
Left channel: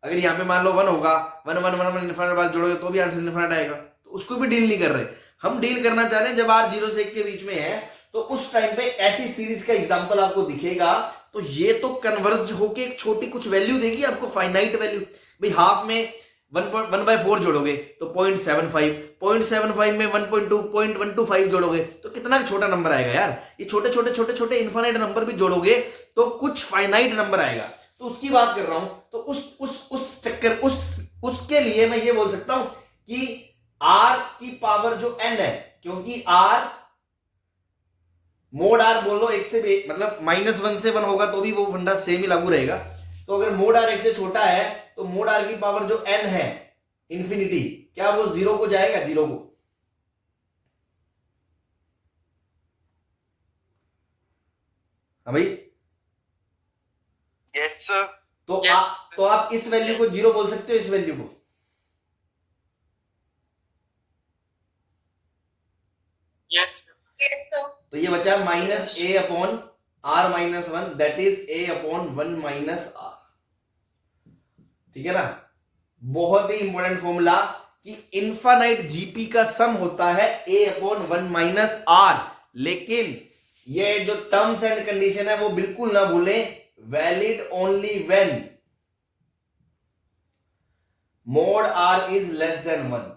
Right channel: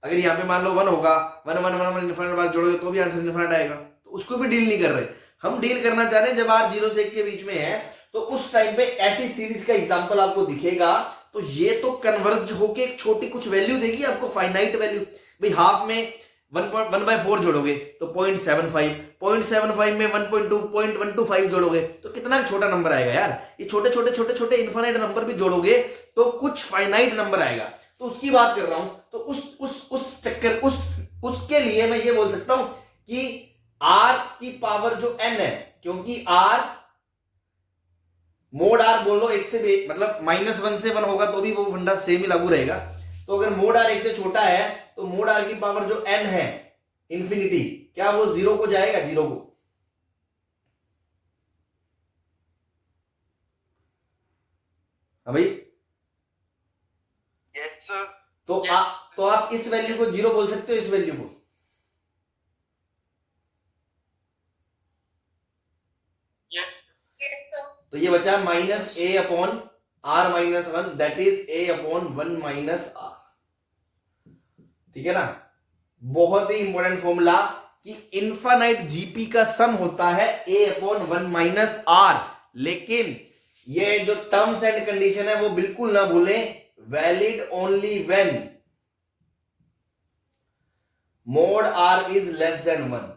अगर यहाँ पे मान लो 1 होगा, 1 1 1 1 इनफाइनाइट बार जोड़ोगे तो भी आंसर इनफाइनाइट आएगा, तो उसको भी डील नहीं कर रहे। हम डील करना चाह रहे हैं जब r 0 से 1 के बीच में है तो उस टाइम पे ऐसी सीरीज का एग्जांपल आपको दिखेगा तो ये तो कन्वर्ज होके एक छोटी कुछ वैल्यू देगी आपको, फाइनाइट वैल्यू। भाई हाफ में 1/4 जोड़ोगे तो 0.75, 0.75 में 1.2 0.125 जोड़ोगे तो कितना छोटा नंबर आएगा यार। ये छोटे छोटे छोटे छोटे इनफाइनाइट नंबर भी जोड़ोगे तो कुछ फाइनाइट नंबर आएगा, तो उसकी बात कर रहा हूं। तो उस चक्कर उसके लिए मैं ये बोल सकता हूं कि r की पावर जो n है, क्योंकि r मोड r बोल लो 1 से मतलब -1 से 1 होगा तो भी वो फंडा सेम ही लागू रहेगा। तो अगर मोड r 1 से छोटा है तो मोड r की पावर जो n है इंफिनिटी, क्या वो 0 को जाएगा? 0 को। हाँ भाई। Yes sir. तो आप इस वैल्यू को 0 बोल सकते हो, इस वैल्यू को। यस तो ये बचा -a/r-1 that is a/1 - r। ठीक है ना? बहुत ही इंपॉर्टेंट फॉर्मूला कि इनफाइनाइट जीपी का सम होता है a/1 - r, लेकिन ये जो टर्म्स एंड कंडीशन है वो बिल्कुल ना भूलें, valid only when mode r is less than 1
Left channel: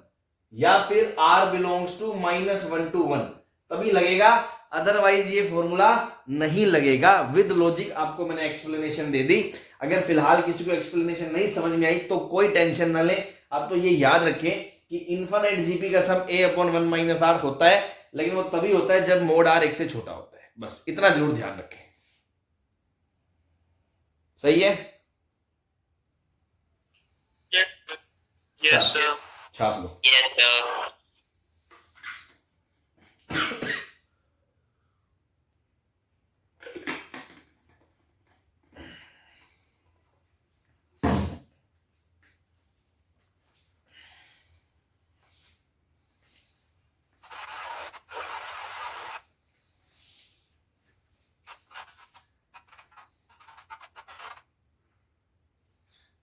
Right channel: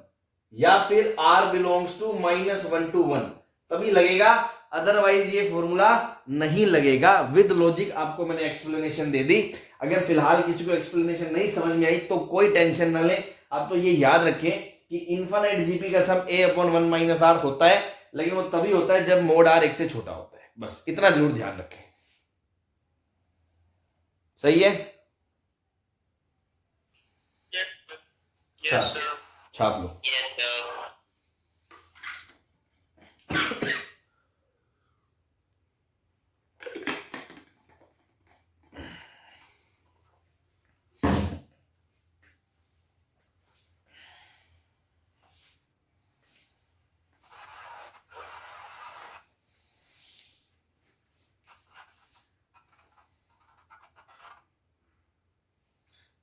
या फिर r बिलोंग्स टू -1 to 1, तभी लगेगा, अदरवाइज ये फॉर्मूला नहीं लगेगा। विद लॉजिक आपको मैंने एक्सप्लेनेशन दे दी। अगर फिलहाल किसी को एक्सप्लेनेशन नहीं समझ में आई तो कोई टेंशन ना ले, आप तो ये याद रखें कि इनफाइनाइट जीपी का सम a/1 - r होता है, लेकिन वो तभी होता है जब मोड r 1 से छोटा होता है। बस इतना जरूर ध्यान रखें। सही है? Yes sir. Yes sir. छाप लो। Yes, sir.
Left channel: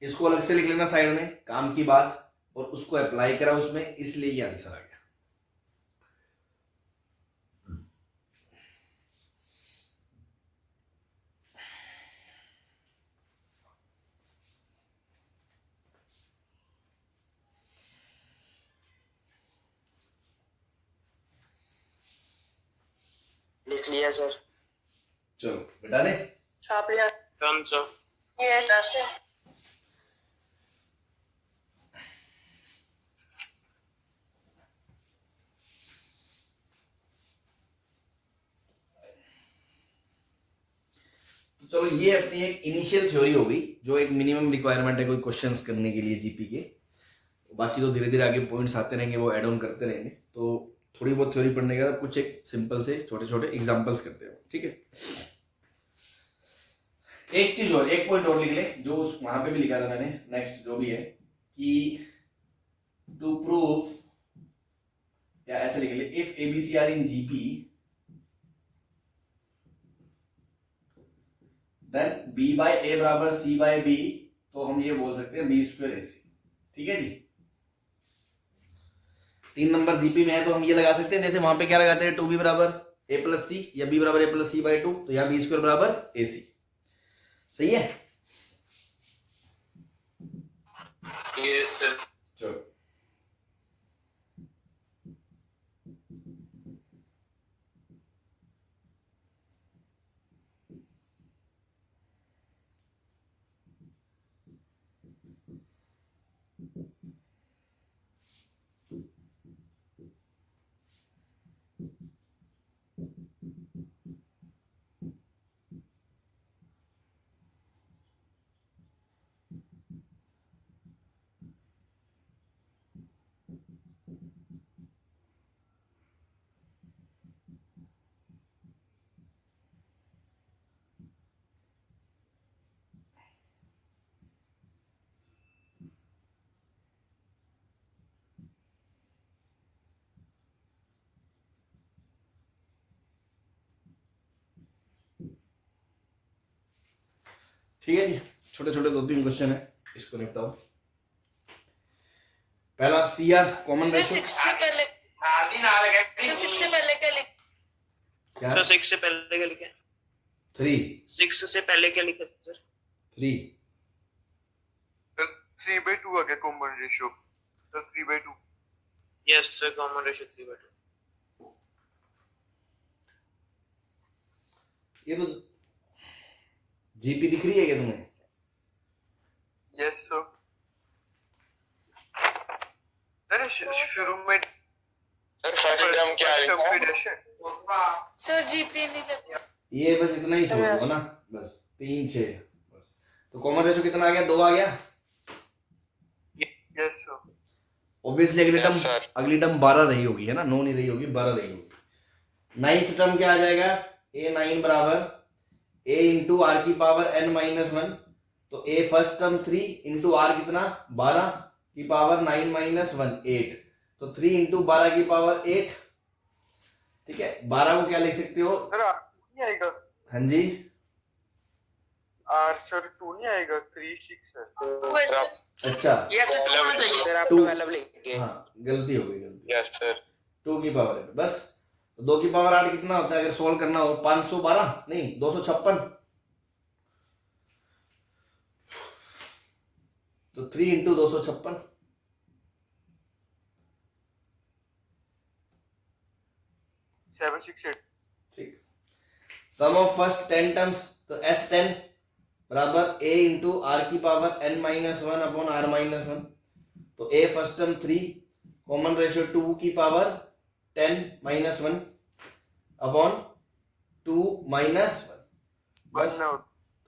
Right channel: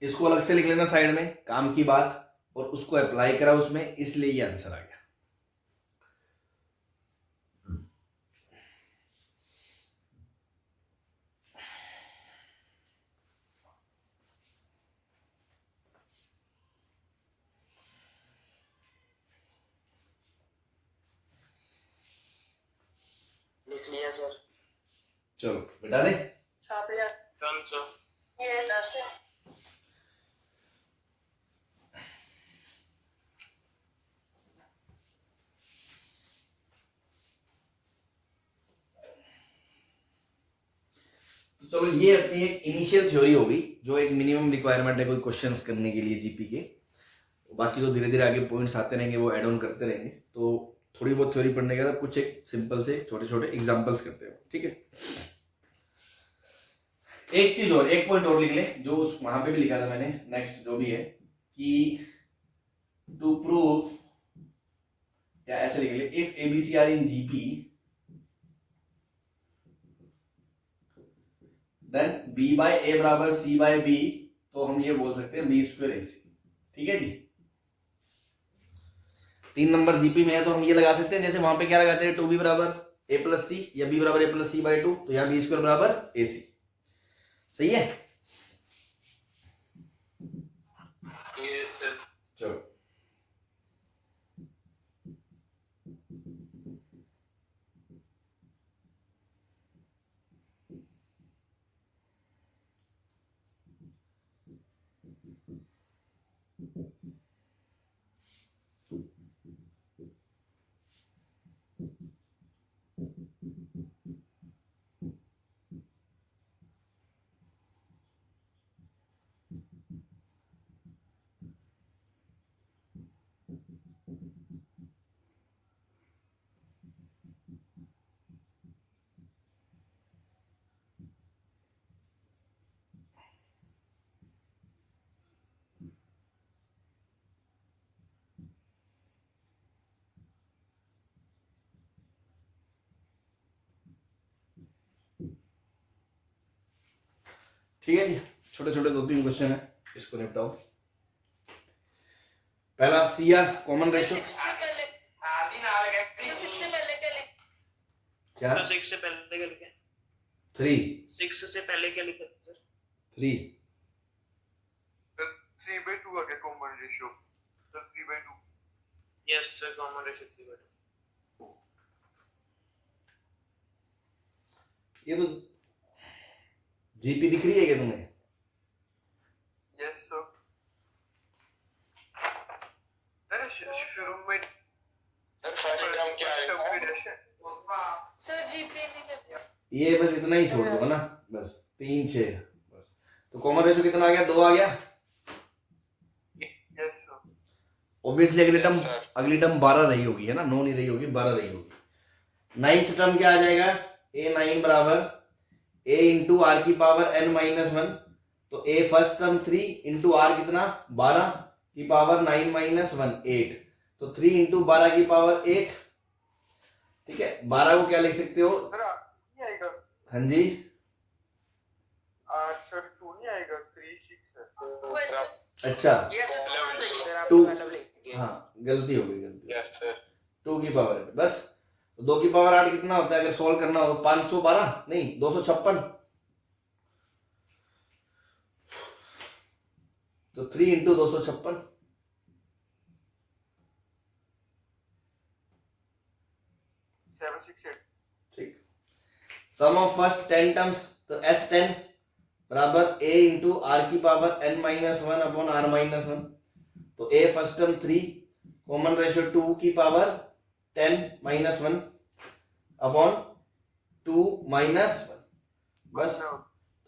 इसको अलग से लिख लेना साइड में, काम की बात, और उसको अप्लाई करा उसमें, इसलिए ये आंसर आ गया। लिख लिया सर। चलो बेटा दे। छाप लिया। Done sir. यस। तो चलो ये अपनी एक इनिशियल थ्योरी होगी, जो एक मिनिमम रिक्वायरमेंट है कोई क्वेश्चंस करने के लिए जीपी के। बाकी तो धीरे धीरे आगे पॉइंट्स आते रहेंगे, वो ऐड ऑन करते रहेंगे। तो थोड़ी बहुत थ्योरी पढ़ने के बाद कुछ एक सिंपल से छोटे छोटे एग्जांपल्स करते हैं, ठीक है। एक चीज और, एक पॉइंट और लिख ले, जो वहां पे भी लिखा था मैंने, नेक्स्ट जो भी है, कि टू प्रूव, या ऐसे लिख ले, if ABC are in GP then B by A बराबर सी बाय बी, तो हम ये बोल सकते हैं बी स्क्वायर ए सी। ठीक है जी। 3 नंबर जीपी में है तो हम ये लगा सकते हैं, जैसे वहां पे क्या लगाते हैं, 2b बराबर ए प्लस सी या b बराबर ए प्लस सी बाय 2, तो यहाँ बी स्क्वायर बराबर ए सी। सही है। Yes sir. चलो ठीक है जी। छोटे छोटे 2-3 क्वेश्चन है, इसको निपटाओ। पहला C R common sir ratio. 6 से पहले सर 6 से पहले क्या लिख क्या? सर 6 से पहले क्या लिखे? 3 6 से पहले क्या लिखे सर? 3 3/2 आ गया common ratio. Sir 3/2। Yes sir, common ratio 3/2। ये तो जीपी दिख रही है क्या तुम्हें? Yes sir. अरे शुरू में सर फर्स्ट टर्म क्या है? सर जीपी नहीं लग ये बस इतना ही छोड़ दो ना, बस 3 6 बस। तो कॉमन रेशो कितना आ गया? 2 आ गया। Yes sir. ऑब्वियसली अगली टर्म 12 रही होगी, है ना, 9 नहीं रही होगी, 12 रही होगी। 9th टर्म क्या आ जाएगा? a9 बराबर a इंटू आर की पावर n-1, तो a first term 3 into r कितना? 12 की पावर 9-1 8, तो 3 इंटू 12 की पावर 8। ठीक है, 12 को क्या लिख सकते हो? सर नहीं आएगा। हाँ जी, आर सर 2 नहीं आएगा, 3 6 है। तो वैसे अच्छा यस सर, आप 2 मतलब लिखिए। हाँ गलती हो गई, गलती। Yes sir. 2 की पावर 8 बस। तो 2 की पावर 8 कितना होता है अगर सोल्व करना हो? 512 नहीं, 256। तो 3 इंटू 256, 768। ठीक। सम ऑफ फर्स्ट 10 टर्म्स, तो S10 बराबर a इंटू आर की पावर n-1 अपॉन r-1, तो a first term 3, common ratio 2 की पावर 10-1 अपॉन 2 -1, बस।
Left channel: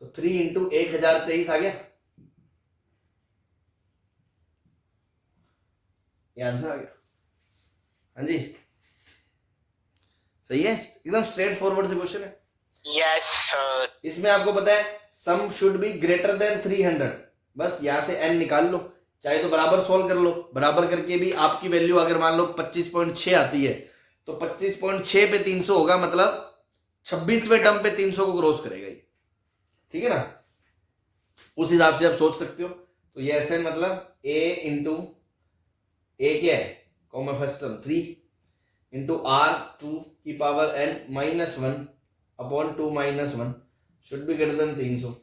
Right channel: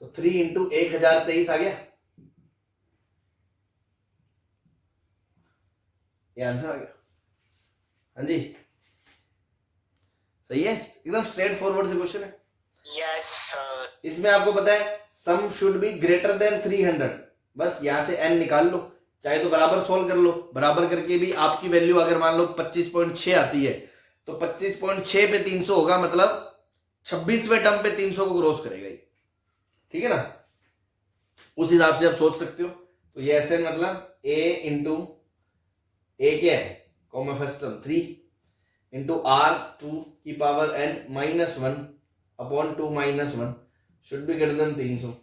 तो 3 इंटू 1023 आ गया, ये आंसर आ गया। हाँ जी, सही है, एकदम स्ट्रेट फॉरवर्ड से क्वेश्चन है। Yes sir. इसमें आपको पता है sum should be greater then 300, बस यहां से n निकाल लो, चाहे तो बराबर सॉल्व कर लो। बराबर करके भी आपकी वैल्यू अगर मान लो 25.6 आती है, तो 25.6 पे 300 होगा, मतलब 26वें टर्म पे 300 को क्रॉस करेगा ये। ठीक है ना, उस हिसाब से आप सोच सकते हो। तो ये SN मतलब A इंटू A क्या है common first term 3 into R 2 की power n minus 1 upon 2 minus 1 should be greater then 300।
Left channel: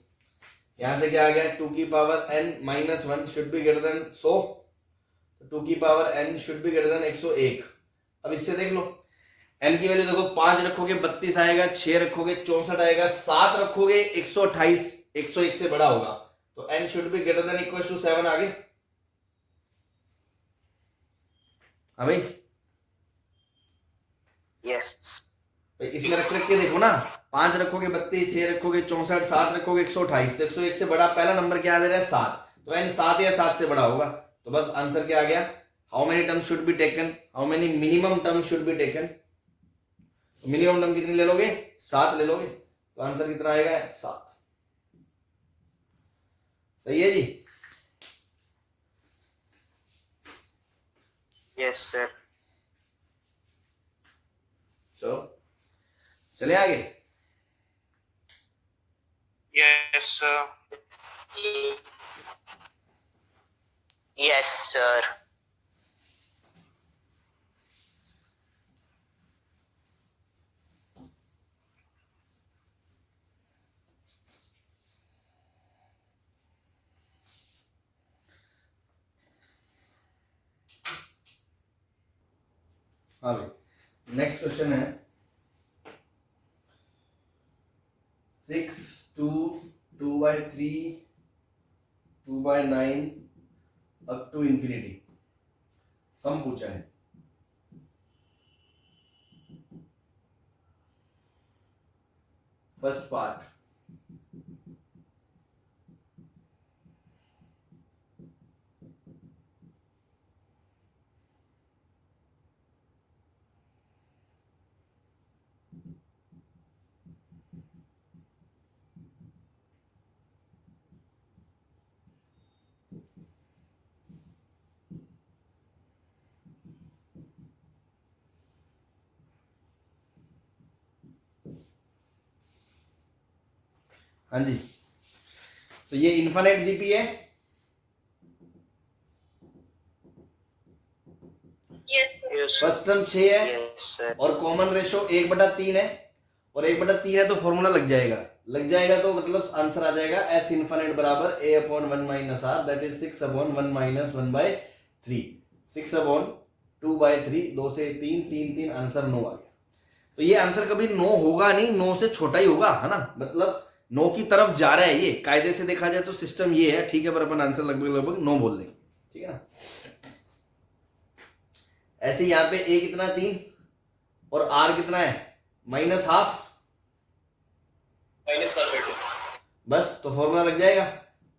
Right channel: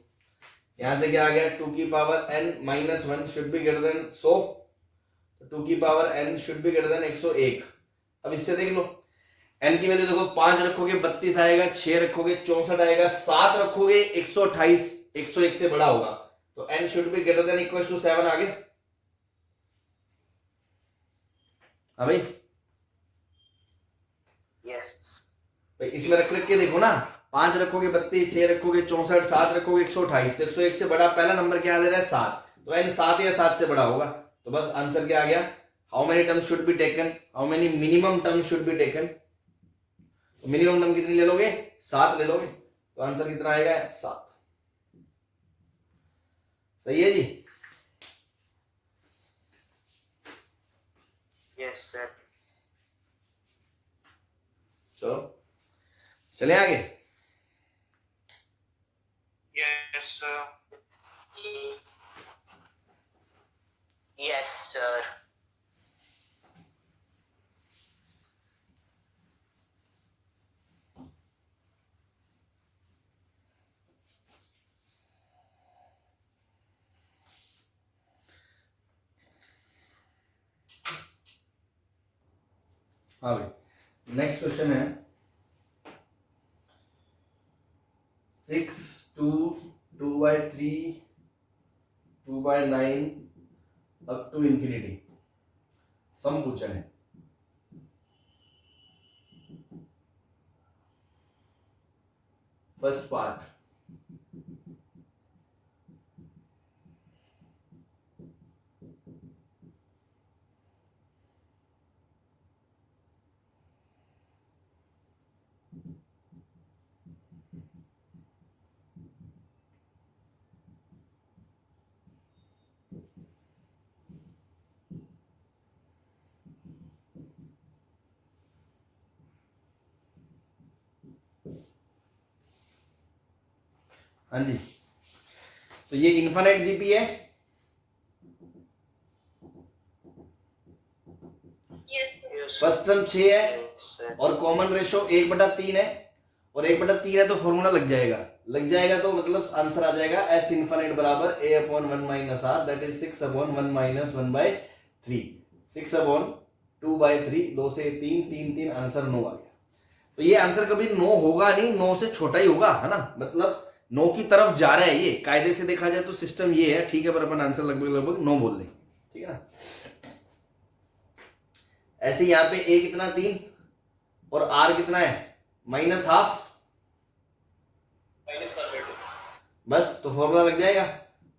यहां से क्या आ गया 2 की power n minus 1 should be greater then 100, तो 2 की power n should be greater then 101। अब इससे देख लो n की वैल्यू देखो 5 रखोगे 32 आएगा, 6 रखोगे 64 आएगा, 7 रखोगे 128 101 से बड़ा होगा, तो n should be greater than equal to 7 आ गया। हाँ भाई Yes. भाई इसमें रख के देखो ना, 5 रखोगे 32, 6 रखोगे 64, 7 रखोगे 128, तो 101 से बड़ा पहला नंबर क्या दे रहा है 7, तो n 7 या 7 से बड़ा होगा। तो बस आंसर क्या आ गया, how many terms should be taken, how many minimum terms should be taken. तो मिनिमम टर्म कितनी ले लोगे 7 ले लोगे, तो आंसर कितना आएगा 7। सही है जी। Yes, sir. चलो चले आगे। Yes, sir. Yes, sir. हाँ भाई नेक्स्ट क्वेश्चन है 6 2 2/3 2/9 अप टू इंफिनिटी सम पूछा है। फर्स्ट पार्ट हाँ जी, तो ये इनफाइनाइट जीपी है। Yes sir. Yes. First term 6 है Yes, sir. और कॉमन रेशो 1/3 है, और 1/3 है तो फॉर्मूला लग जाएगा तो मतलब आंसर आ जाएगा S इनफाइनाइट बराबर A upon 1 minus R that is 6 upon 1 minus 1/3 6 upon 2/3 2 से 3 3 3 आंसर 9 आ गया। तो ये आंसर कभी 9 होगा नहीं, 9 से छोटा ही होगा, है ना, मतलब 9 की तरफ जा रहा है। ये कायदे से देखा जाए तो सिस्टम ये है, ठीक है, पर अपन आंसर लगभग 9 बोल देंगे, ठीक है ना। ऐसे यहाँ पे A कितना 3 और R कितना है -12 -1/2। बस तो फॉर्मूला लग जाएगा।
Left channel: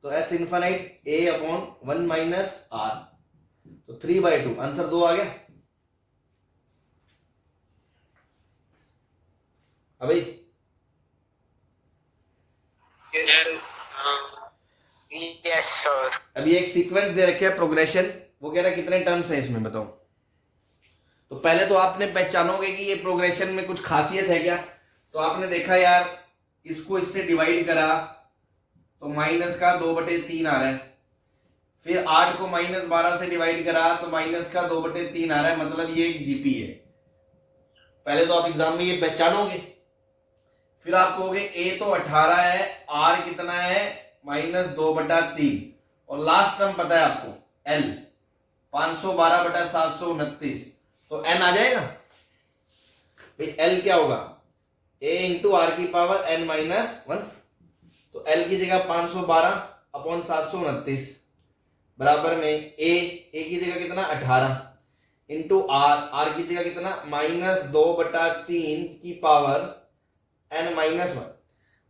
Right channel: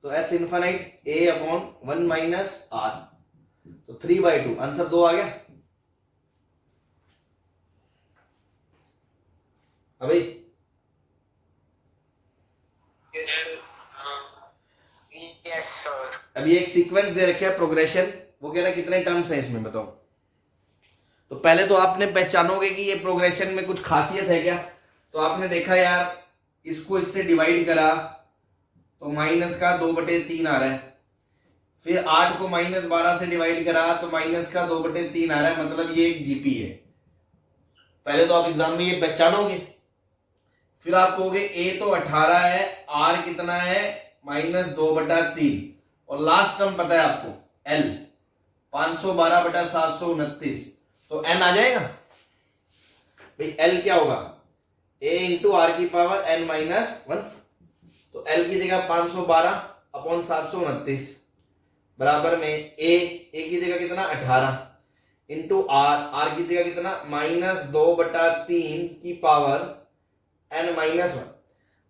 तो S infinite A upon 1 minus R, तो 3/2 आंसर 2 आ गया। अभी Yes, sir. अभी एक सीक्वेंस दे रखे है प्रोग्रेशन, वो कह रहा है कितने टर्म्स हैं इसमें बताओ। तो पहले तो आपने पहचानोगे कि ये प्रोग्रेशन में कुछ खासियत है क्या। तो आपने देखा यार इसको इससे डिवाइड करा तो माइनस का 2/3 आ रहा है, फिर 8 को -12 से डिवाइड करा तो माइनस का 2/3 आ रहा है, मतलब ये एक जीपी है। पहले तो आप एग्जाम में ये पहचानोगे, फिर आप कहोगे ए तो 18 है, आर कितना है -2/3, और लास्ट टर्म पता है आपको एल 512/729, तो एन आ जाएगा भाई। एल क्या होगा ए इंटू आर की पावर n -1, तो एल की जगह 512/729 बराबर में ए की जगह कितना 18 इंटू आर की जगह कितना -2/3 की पावर n -1।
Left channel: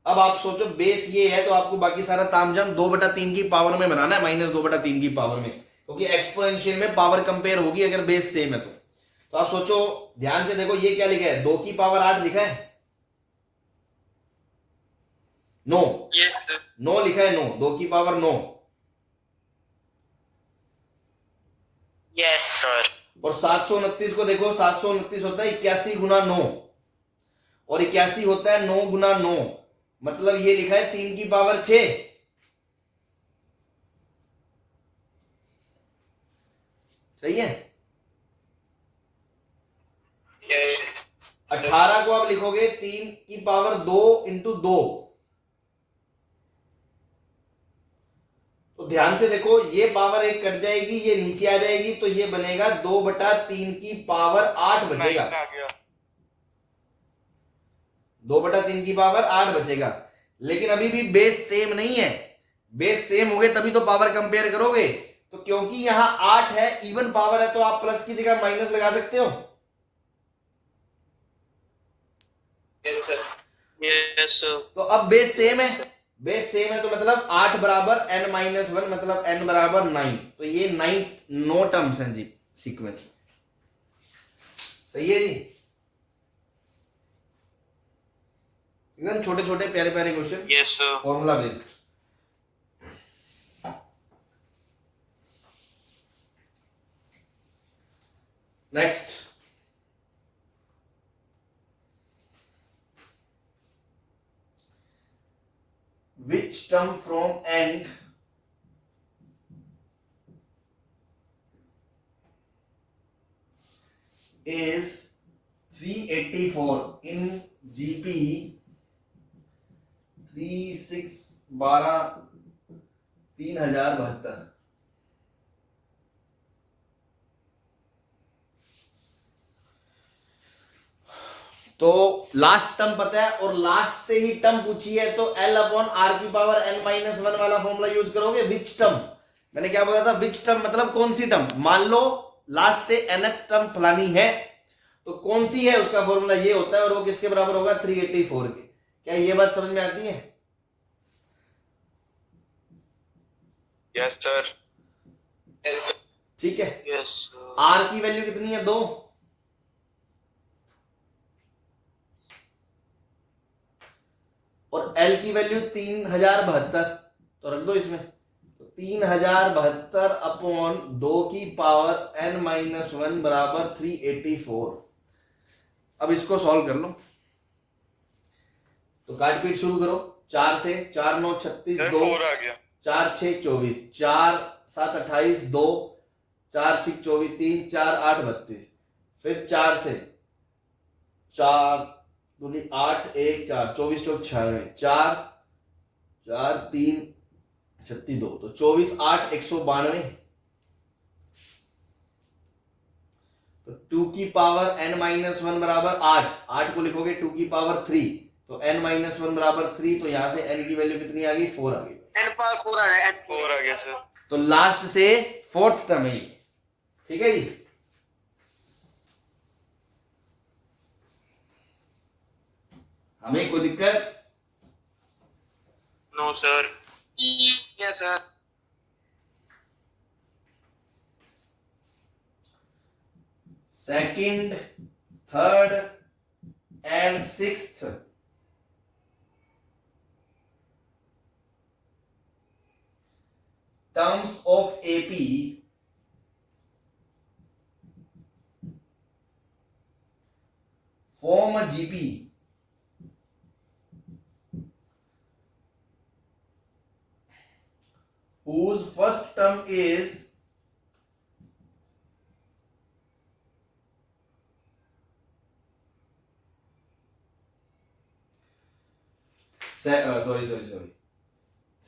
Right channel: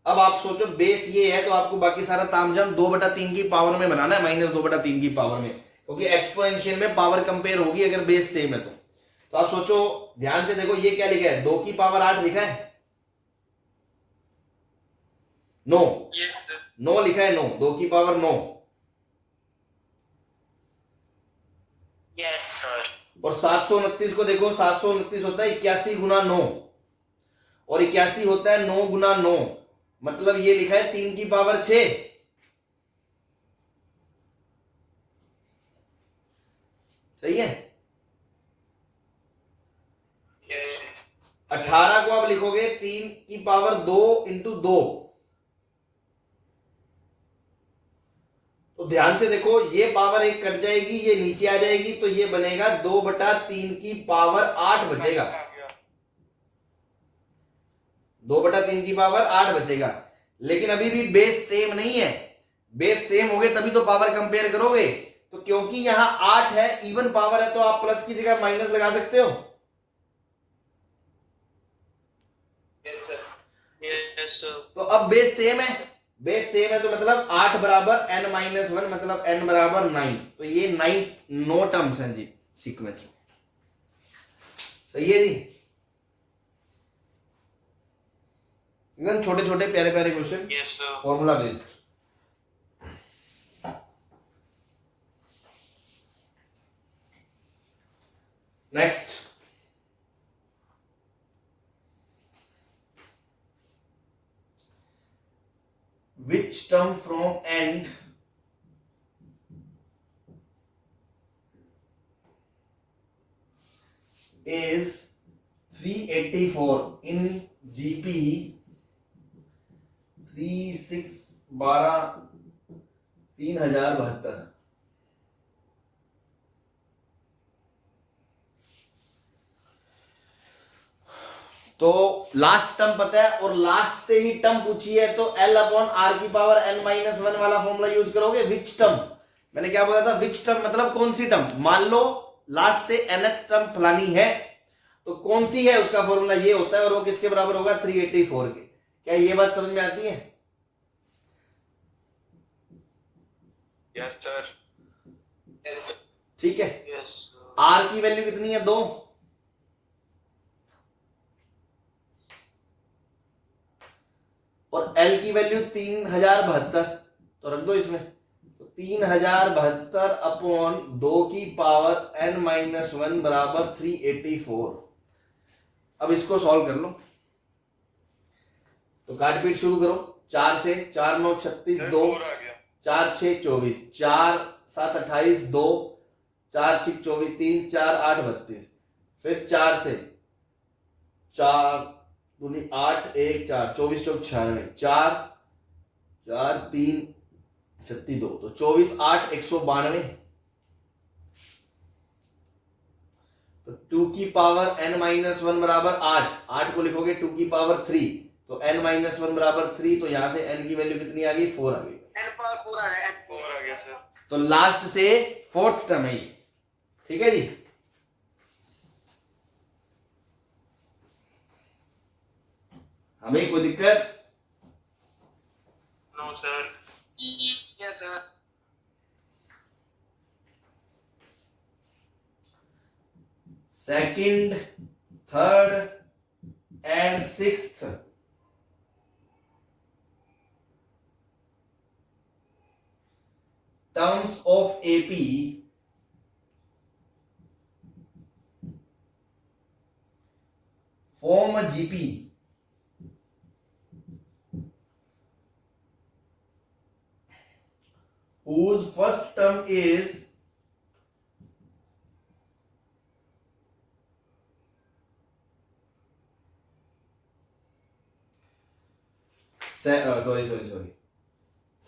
अब आप सोचो बेस ये है तो आपको बाकी सारा तामझाम 2/3 की पावर में बनाना है, -2/3 की पावर में, क्योंकि एक्सपोनेंशियल में पावर कंपेयर होगी अगर बेस सेम है तो आप सोचो ध्यान से देखो ये क्या लिखा है, 2 की पावर 8 लिखा है, नो यस सर। 9 लिखा है, 9 2 की पावर 9, Yes, sir. और 729 को देखो 729 होता है 81 गुना 9, और 81 होता है 9 गुना 9, मतलब ये लिखा है 3 की पावर 6। सही है। Yes. 18 को आप लिखोगे 3 की पावर 2 इंटू 2। तो ध्यान से देखो, ये पावर 1 कट जाएगी, ये नीचे आ जाएगी, तो ये बनेगा 2/3 की पावर 8 बचेगा। 2/3 की पावर 8 बचेगा। लेकिन अभी भी बेस सेम नहीं है। बेस सेम हो गए तभी तो पावर कंपेयर करोगे। तो क्योंकि यहां 8 है, इवन पावर है, तो आप प्लस की जगह माइनस लगा सकते हो। Yes, sir. Yes, sir. तो अब बेस सेम है, बेस सेम है, तो मतलब 8 बराबर n-1, मतलब n बराबर 9। तो ये 9 नो टर्म्स हैं जी सीक्वेंस में। सही है जी। एकदम छोटे छोटे प्यारे प्यारे question, Yes, sir. Formula based. Next, which term from end is 384 in GP 3072। तो लास्ट टर्म पता है और लास्ट से ही टर्म पूछी है, तो L/R⁴ वाला फॉर्मूला यूज करोगे। विच टर्म, मैंने क्या बोला था, विच टर्म मतलब कौन सी टर्म। मान लो लास्ट से nth टर्म फलानी है, तो कौन सी है उसका फॉर्मूला ये होता है, और वो किसके बराबर होगा, 384 के। क्या ये बात समझ में आती है? Yes, sir. Yes, sir. ठीक है। Yes, sir. R की वैल्यू कितनी है, 2, और L की वैल्यू 3072, तो रख दो इसमें। तो 3072 अपॉन 2 की पावर n-1 बराबर 384। अब इसको सॉल्व कर लो। तो काट पीट शुरू करो। 4 से 4 9 36, 2 4 आ गया। 4 6 24, 4 7 28, 2 4 6 24, 3 4 8 32। फिर 4 से 4 दूनी 8 1 4, 24 चौक 96, 4 4 3 36 2, तो 24 8 192। तो 2 की पावर n-1 बराबर 8, 8 को लिखोगे 2 की पावर 3, तो n-1 बराबर 3, तो यहां से n की वैल्यू कितनी आ गई, 4 आ गई। n पावर 4 आ रहा है। 4 आ गया सर। तो लास्ट से 4th टर्म है ये। ठीक है जी। हमें कोई दिक्कत? No sir. Yes, sir. Second, third and sixth terms of AP form a GP whose first term is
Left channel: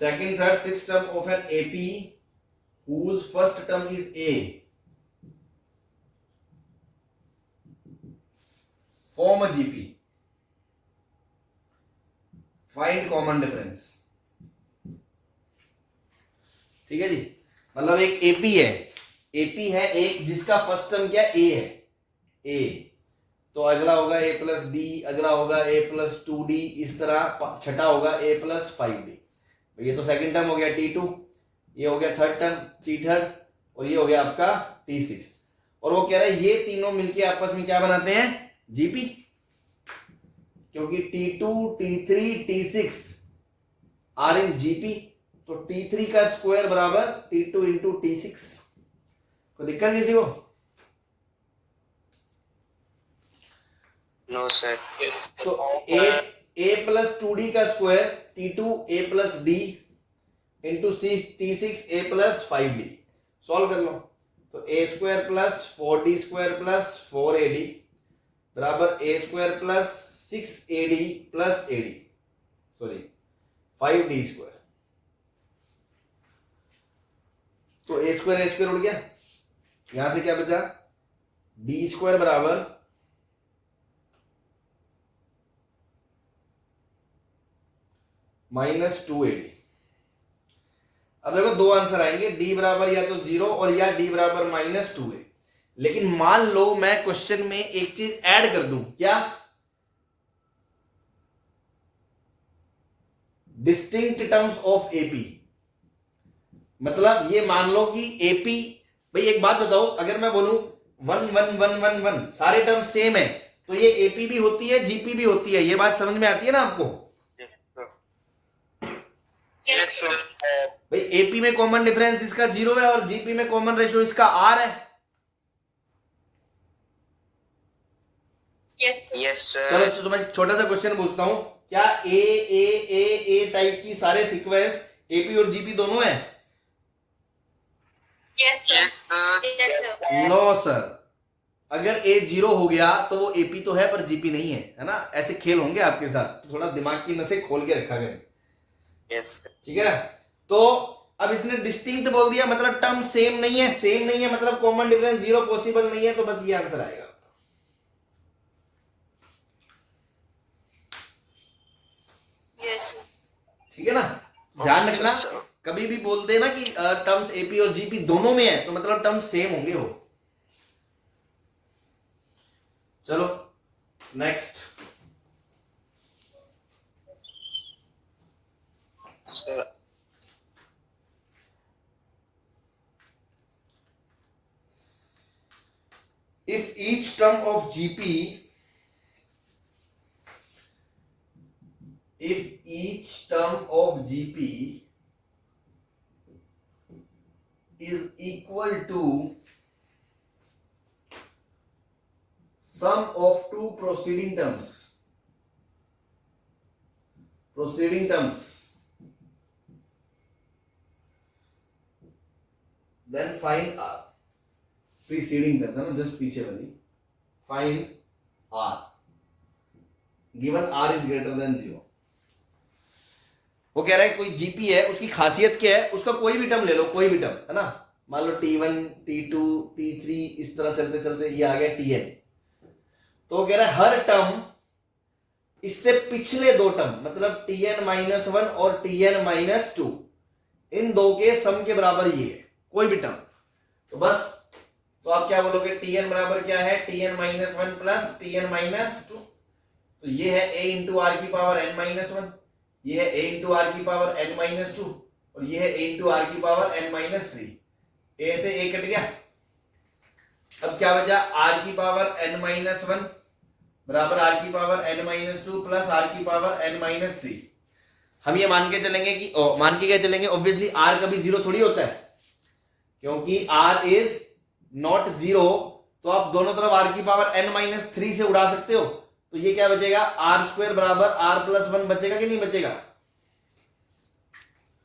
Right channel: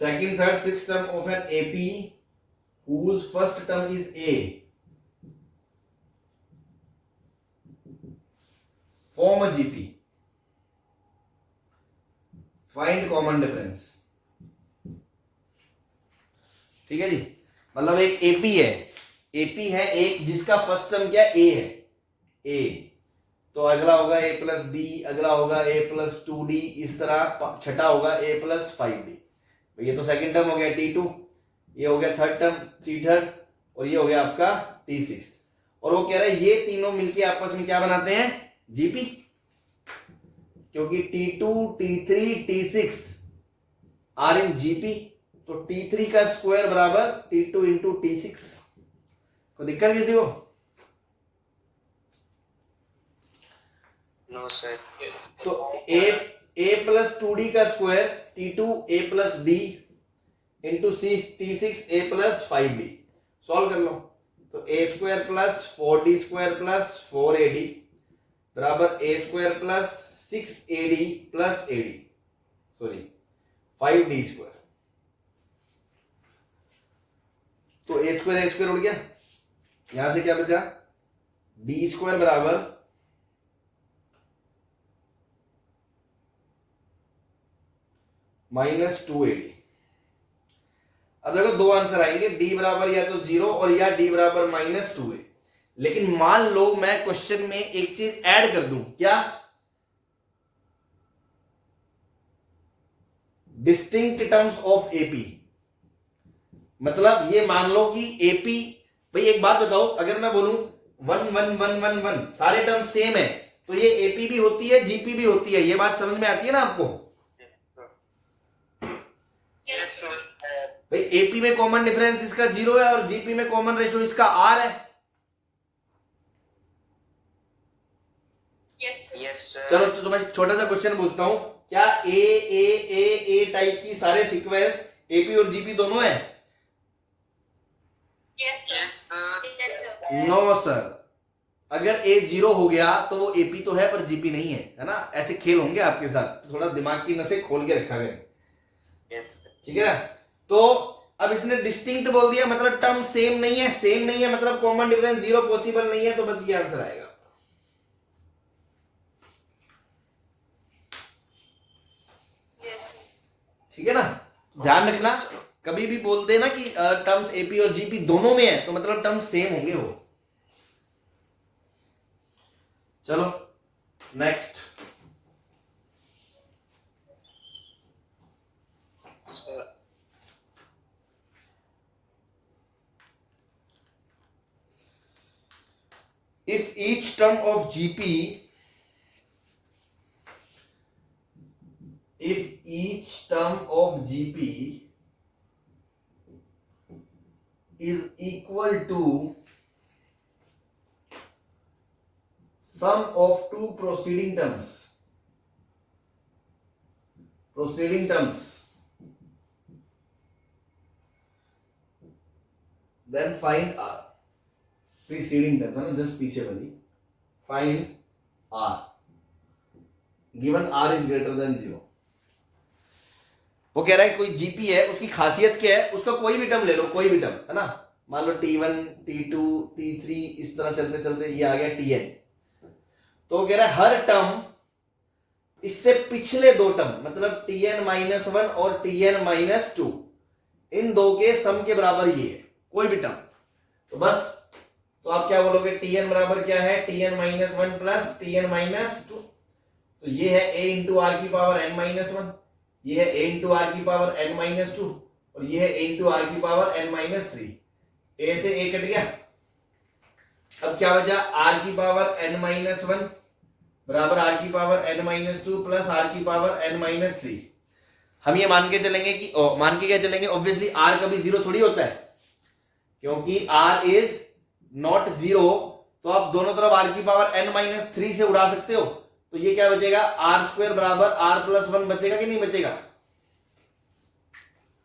second, third, sixth term of an AP whose first term is A form a GP. Find common difference. ठीक है जी। मतलब एक AP है, AP है एक जिसका first term क्या A है, A, तो अगला होगा A प्लस D, अगला होगा A प्लस 2D, इस तरह छठा होगा A प्लस 5D। ये तो सेकंड टर्म हो गया T2, ये हो गया थर्ड टर्म T3, और ये हो गया आपका T6। और वो कह रहा है ये तीनों मिलके आपस में क्या बनाते हैं, जीपी। क्योंकि T2 T3 T6 are in GP, तो T3 का स्क्वायर बराबर T2 इंटू T6। कोई दिक्कत किसी को? No, sir. Yes. तो A प्लस 2D का square T2 A plus D into T6 A plus 5D। Solve कर लो। तो a square plus 4d square plus 4ad बराबर a square plus 6ad plus ad, sorry 5d square. तो a square उड़ गया, यहां से क्या बचा, डी स्क्वायर बराबर -2ad। अब देखो दो आंसर आएंगे, डी बराबर या तो 0 और या डी बराबर -2a। लेकिन मान लो मैं क्वेश्चन में एक चीज ऐड कर दूं, क्या, डिस्टिंक्ट टर्म्स ऑफ एपी। मतलब ये मान लो कि एपी, भाई एक बात बताओ, अगर मैं बोलूं 1 1 1 1 1 सारे टर्म सेम है तो ये एपी भी होती है जीपी भी होती है, ये बात समझ में आती है ना आपको। Yes, sir. भाई एपी में कॉमन डिफरेंस इसका 0 है और जीपी में कॉमन रेशियो इसका आर है। Yes, sir. चलो तो मैं छोटा सा क्वेश्चन पूछता हूं, क्या ए टाइप की सारे सीक्वेंस एपी और जीपी दोनों है? Yes, sir. Yes, sir. Yes, sir. No sir, अगर ए 0 हो गया तो वो एपी तो है पर जीपी नहीं है ना। ऐसे खेल होंगे आपके साथ, तो थोड़ा दिमाग की नसें खोल के रखा गया, Yes, sir. ठीक है। तो अब इसने डिस्टिंक्ट बोल दिया, मतलब टर्म सेम नहीं है, सेम नहीं है मतलब कॉमन डिफरेंस 0 पॉसिबल नहीं है, तो बस ये आंसर आएगा। Yes, sir. ठीक है ना, ध्यान रखना, कभी भी बोलते हैं ना कि टर्म्स एपी और जीपी दोनों में है तो मतलब टर्म सेम होंगे वो। चलो next, Sir. if each term of GP, if each term of GP is equal to sum of two preceding terms, then find R। Preceding terms है ना, जस्ट पीछे वाली, find R given R is greater than 0। वो कह रहा है कोई GP है, उसकी खासियत क्या है, उसका कोई भी टर्म ले लो, कोई भी टर्म है ना, मान लो T1 T2 T3 इस तरह चलते चलते ये आ गया Tn। तो वो कह रहा है हर टर्म इससे पिछले दो टर्म मतलब Tn-1 और Tn-2 इन दो के सम के बराबर ये है, कोई भी टर्म। तो बस, तो आप क्या बोलोगे, Tn बराबर क्या है, Tn-1 प्लस Tn-2। तो ये है a इंटू आर की पावर n-1, ये है a इंटू आर की पावर n-2 और ये है a इंटू आर की पावर n-3। a से a कट गया, अब क्या बचा, r की पावर n-1 बराबर r की पावर n-2 प्लस r की पावर n-3। हम ये मान के चलेंगे कि मान के क्या चलेंगे, ऑब्वियसली r कभी 0 थोड़ी होता है, क्योंकि r इज नॉट 0, तो आप दोनों तरफ r की पावर n-3 से उड़ा सकते हो। तो ये क्या बचेगा, आर स्क्वायर बराबर r+1 बचेगा कि नहीं बचेगा?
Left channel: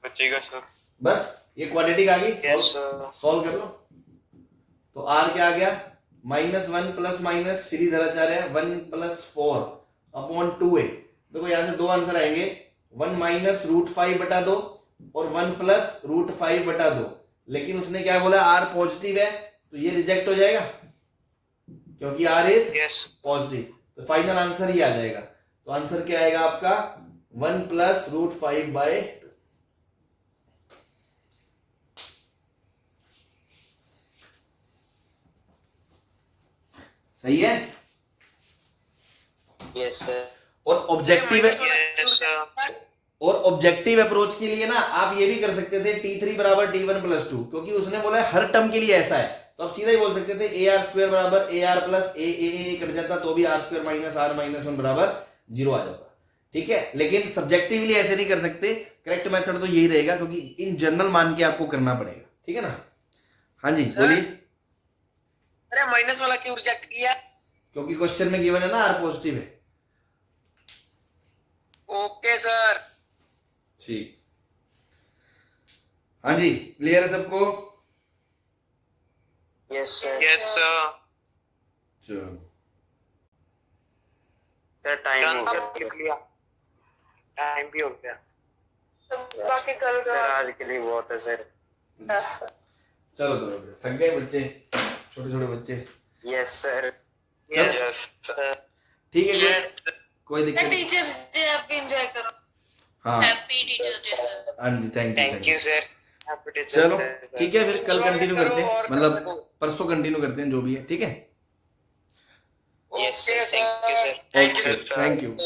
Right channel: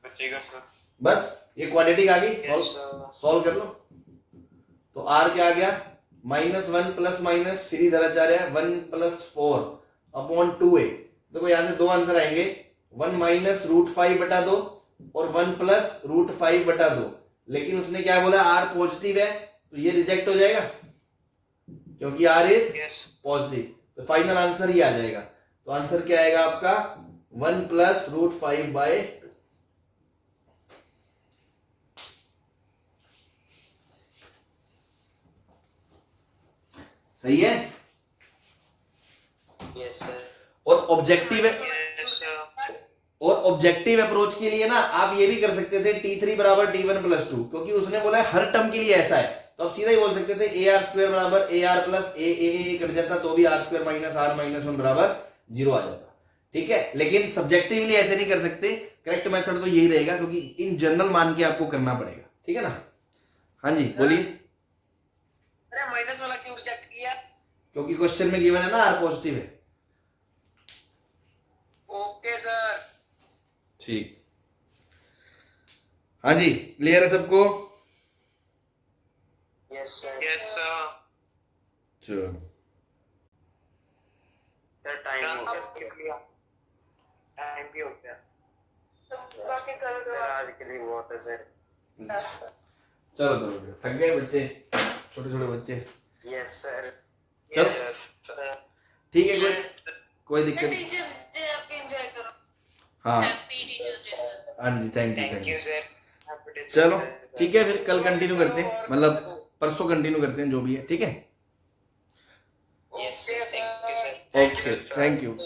बचेगा सर। बस ये क्वाड्रेटिक आ गई, Yes, sir. सॉल्व कर लो। तो r क्या आ गया, -1 plus minus Shridharacharya 1 + 4 upon 2a। देखो यहां से दो आंसर आएंगे, 1 - √5/2 और 1 + √5/2। लेकिन उसने क्या बोला, r पॉजिटिव है तो ये रिजेक्ट हो जाएगा क्योंकि r इज यस पॉजिटिव। तो फाइनल आंसर ही आ जाएगा। तो आंसर क्या आएगा आपका, 1 + √5/2। सही है। Yes, sir. और ऑब्जेक्टिव यस सर। और ऑब्जेक्टिव अप्रोच के लिए ना आप ये भी कर सकते थे T3 बराबर T1 + 2, क्योंकि उसने बोला है हर टर्म के लिए ऐसा है, तो आप सीधा ही बोल सकते थे AR² बराबर AR प्लस A कट जाता तो भी R² - R - 1 बराबर 0 आ जाता। ठीक है, लेकिन सब्जेक्टिवली ऐसे नहीं कर सकते, करेक्ट मेथड तो यही रहेगा, क्योंकि इन जनरल मान के आपको करना पड़ेगा। ठीक है ना। हाँ जी बोलिए। अरे माइनस वाला क्यों रिजेक्ट किया? क्योंकि क्वेश्चन में गिवन है ना R पॉजिटिव है। Okay sir. ठीक, हाँ जी क्लियर है सबको। Yes, sir. Yes, sir. चलो Sir, time Done, हो sir. गया. लिख लिया. Time भी हो गया. तो बाकी कल Sir, का आज के लिए बहुत है sir. चलो चलो थक गए बच्चे, छोटे छोटे बच्चे। Yes, sir. चलो Yes, sir. ठीक है, Yes, sir. कोई दिक्कत नहीं। टीचर्स डे आप भी एंजॉय करो। हाँ हैप्पी टीचर्स डे सर। हाँ जी, thank you Thank you, sir. Happy to चलो sir. ठीक है, फिर कल कंटिन्यू करते हैं, मतलब परसों कंटिन्यू करते हैं जो भी है, ठीक है। Yes, sir. Thank you, sir. Okay, thank you.